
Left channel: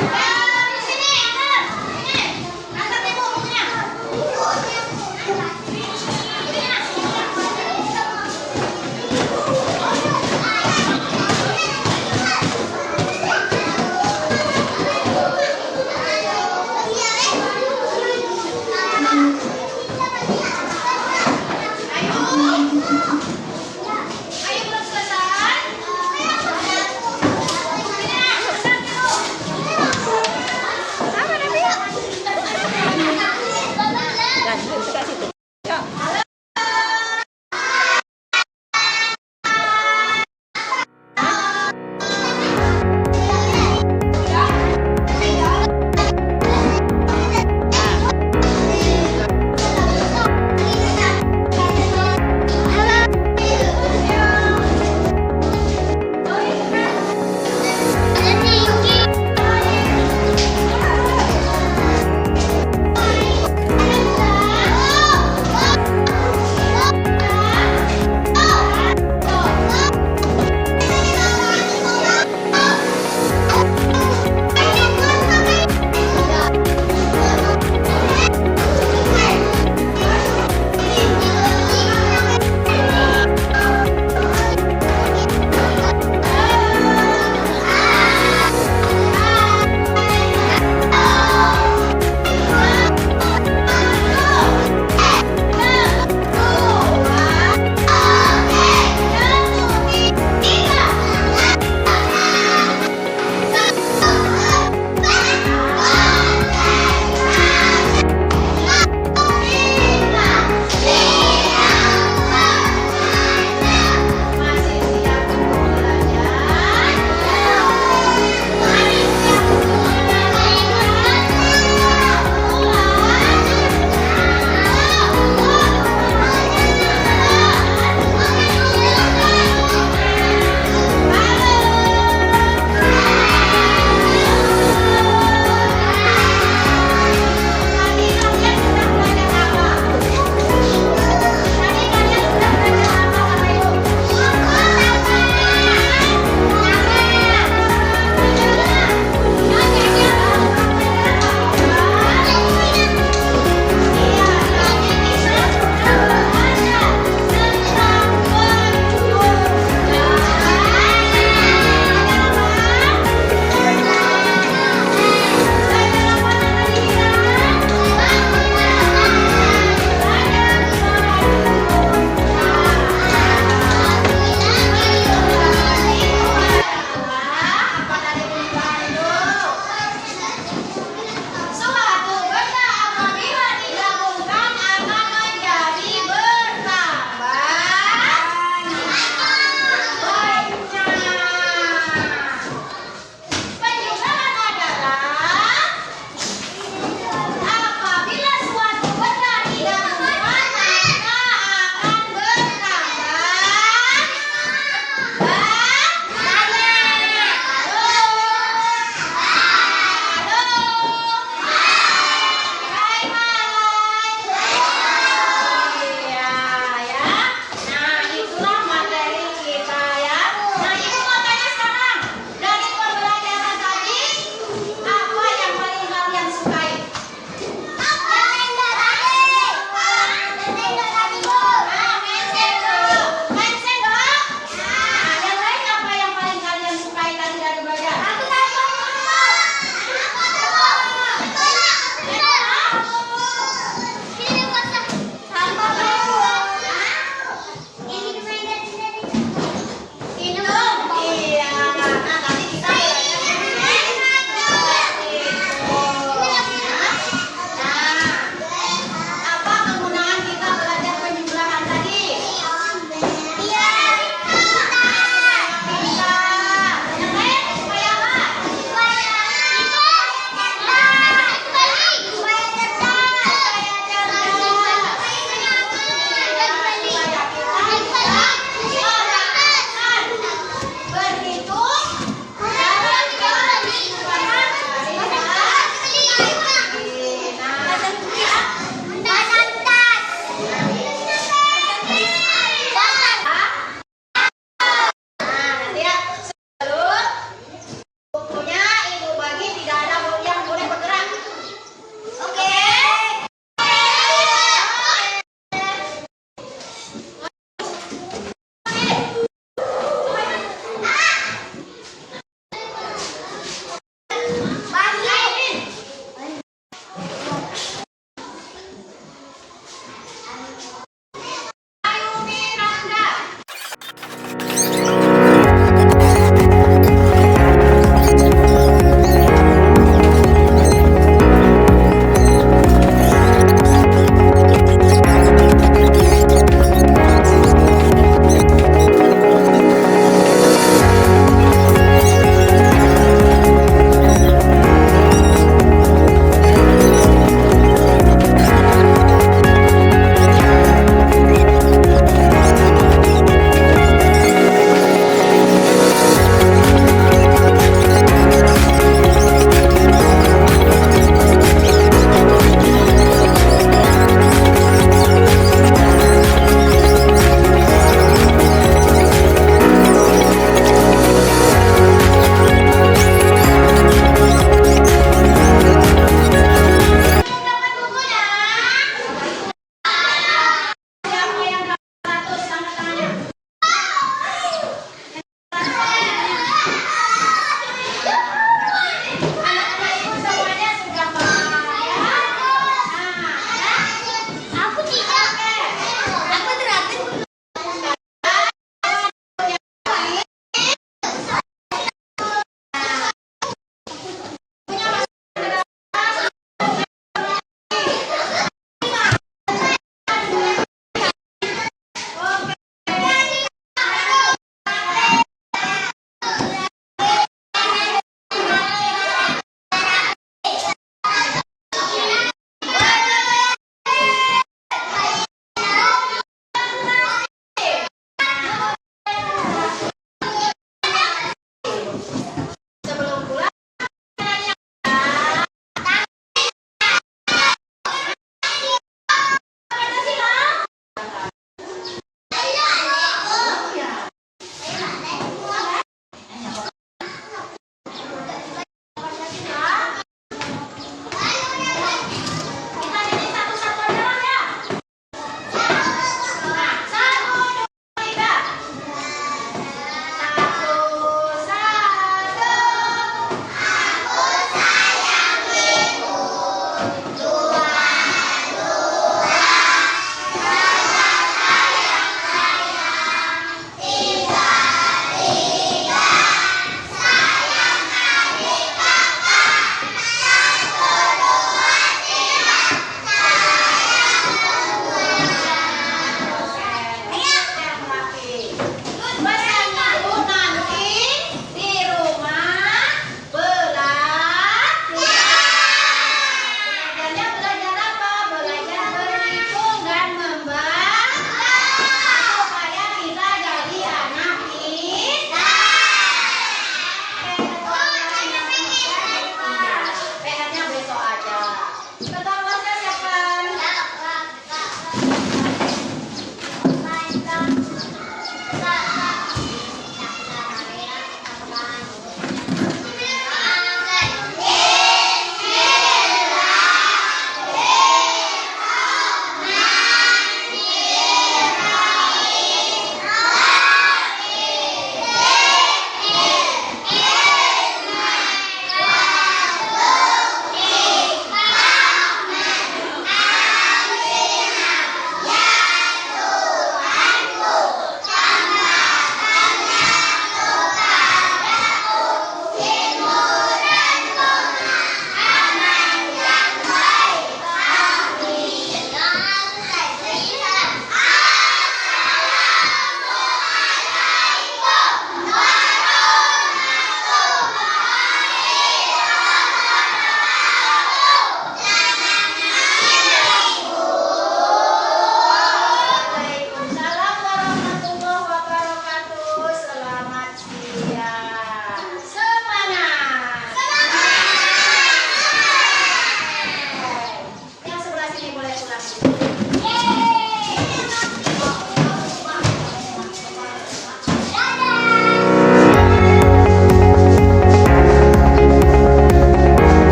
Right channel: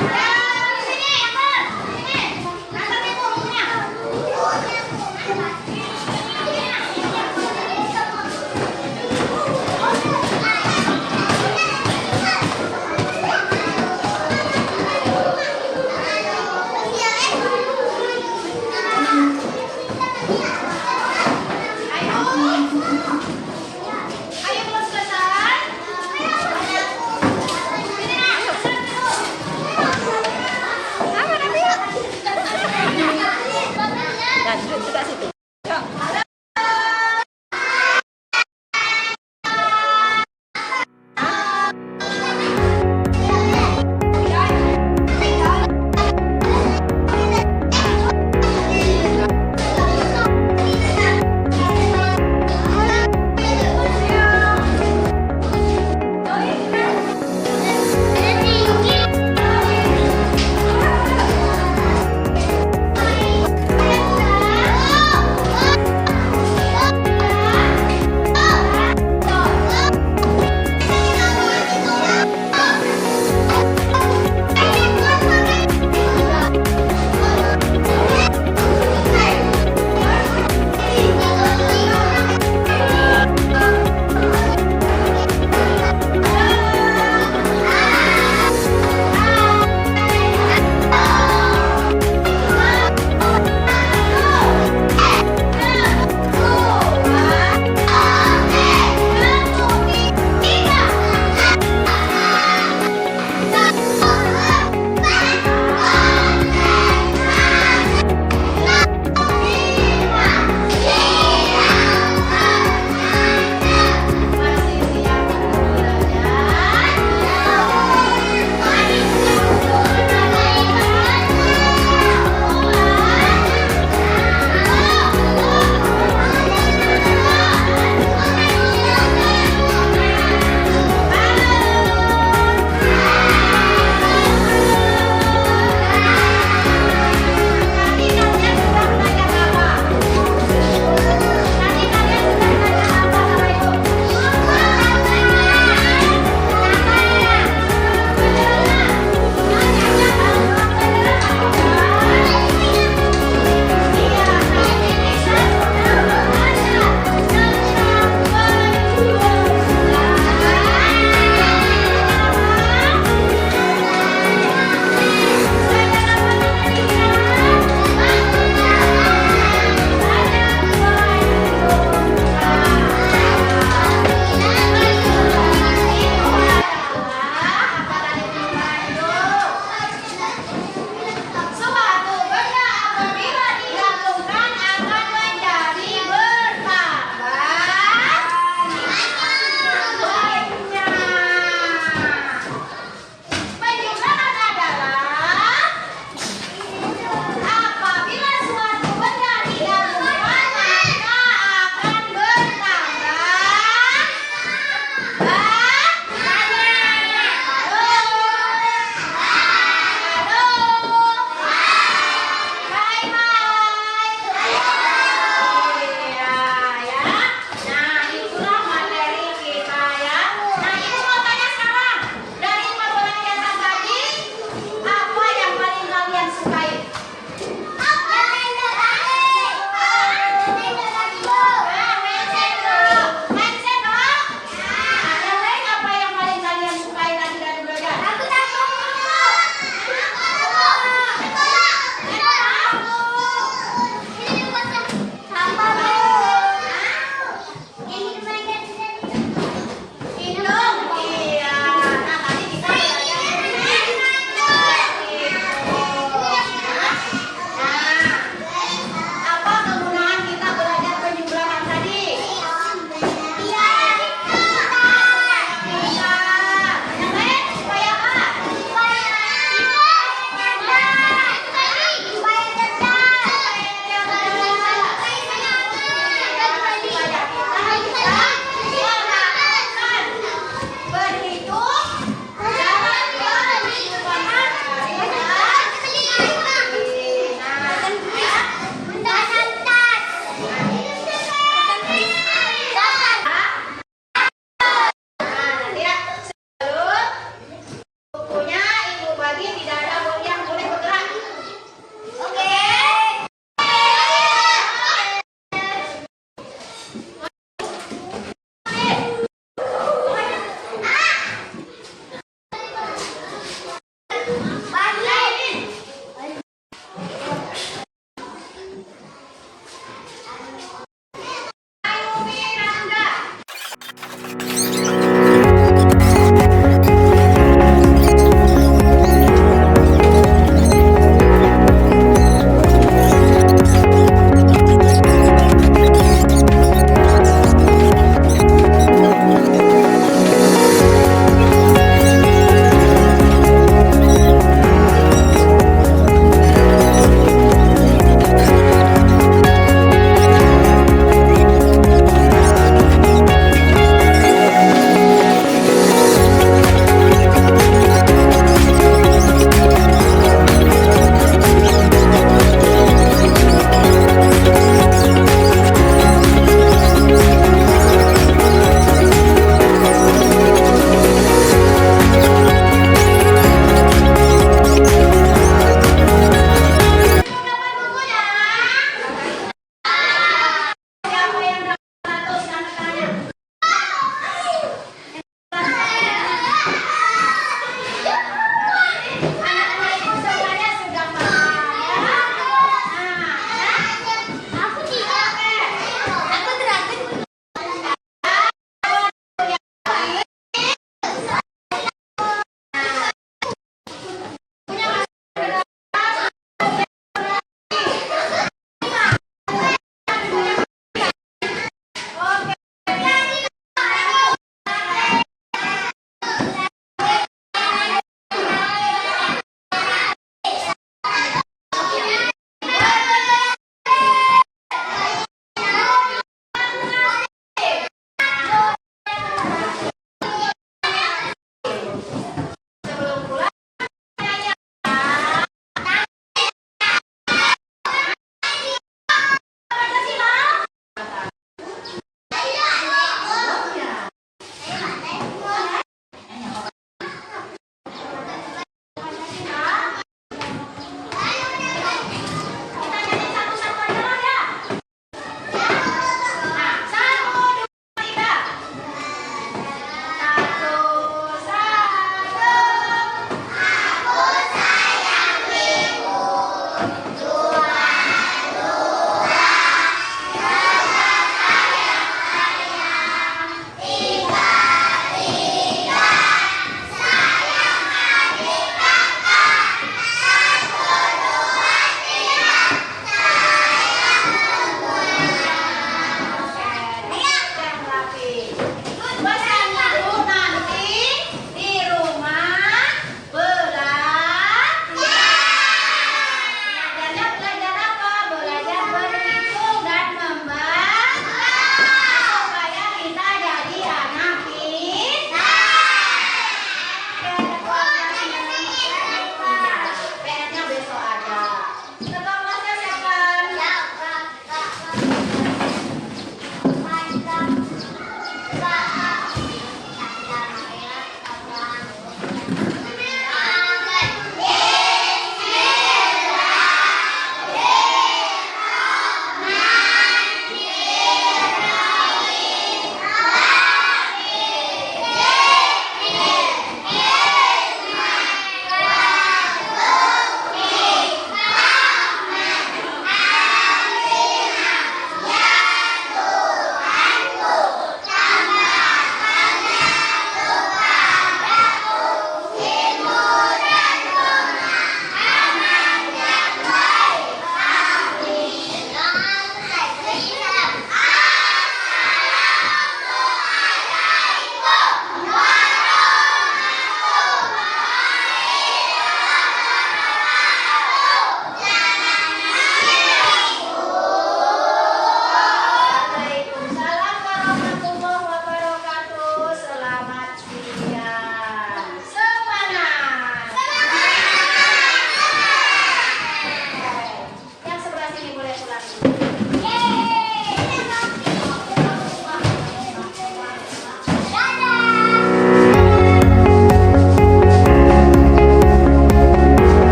Sini, Amber. Sini. Angkat ibu bukunya. Ayo. Ayo belum selesai. Dan itu kasih tuh.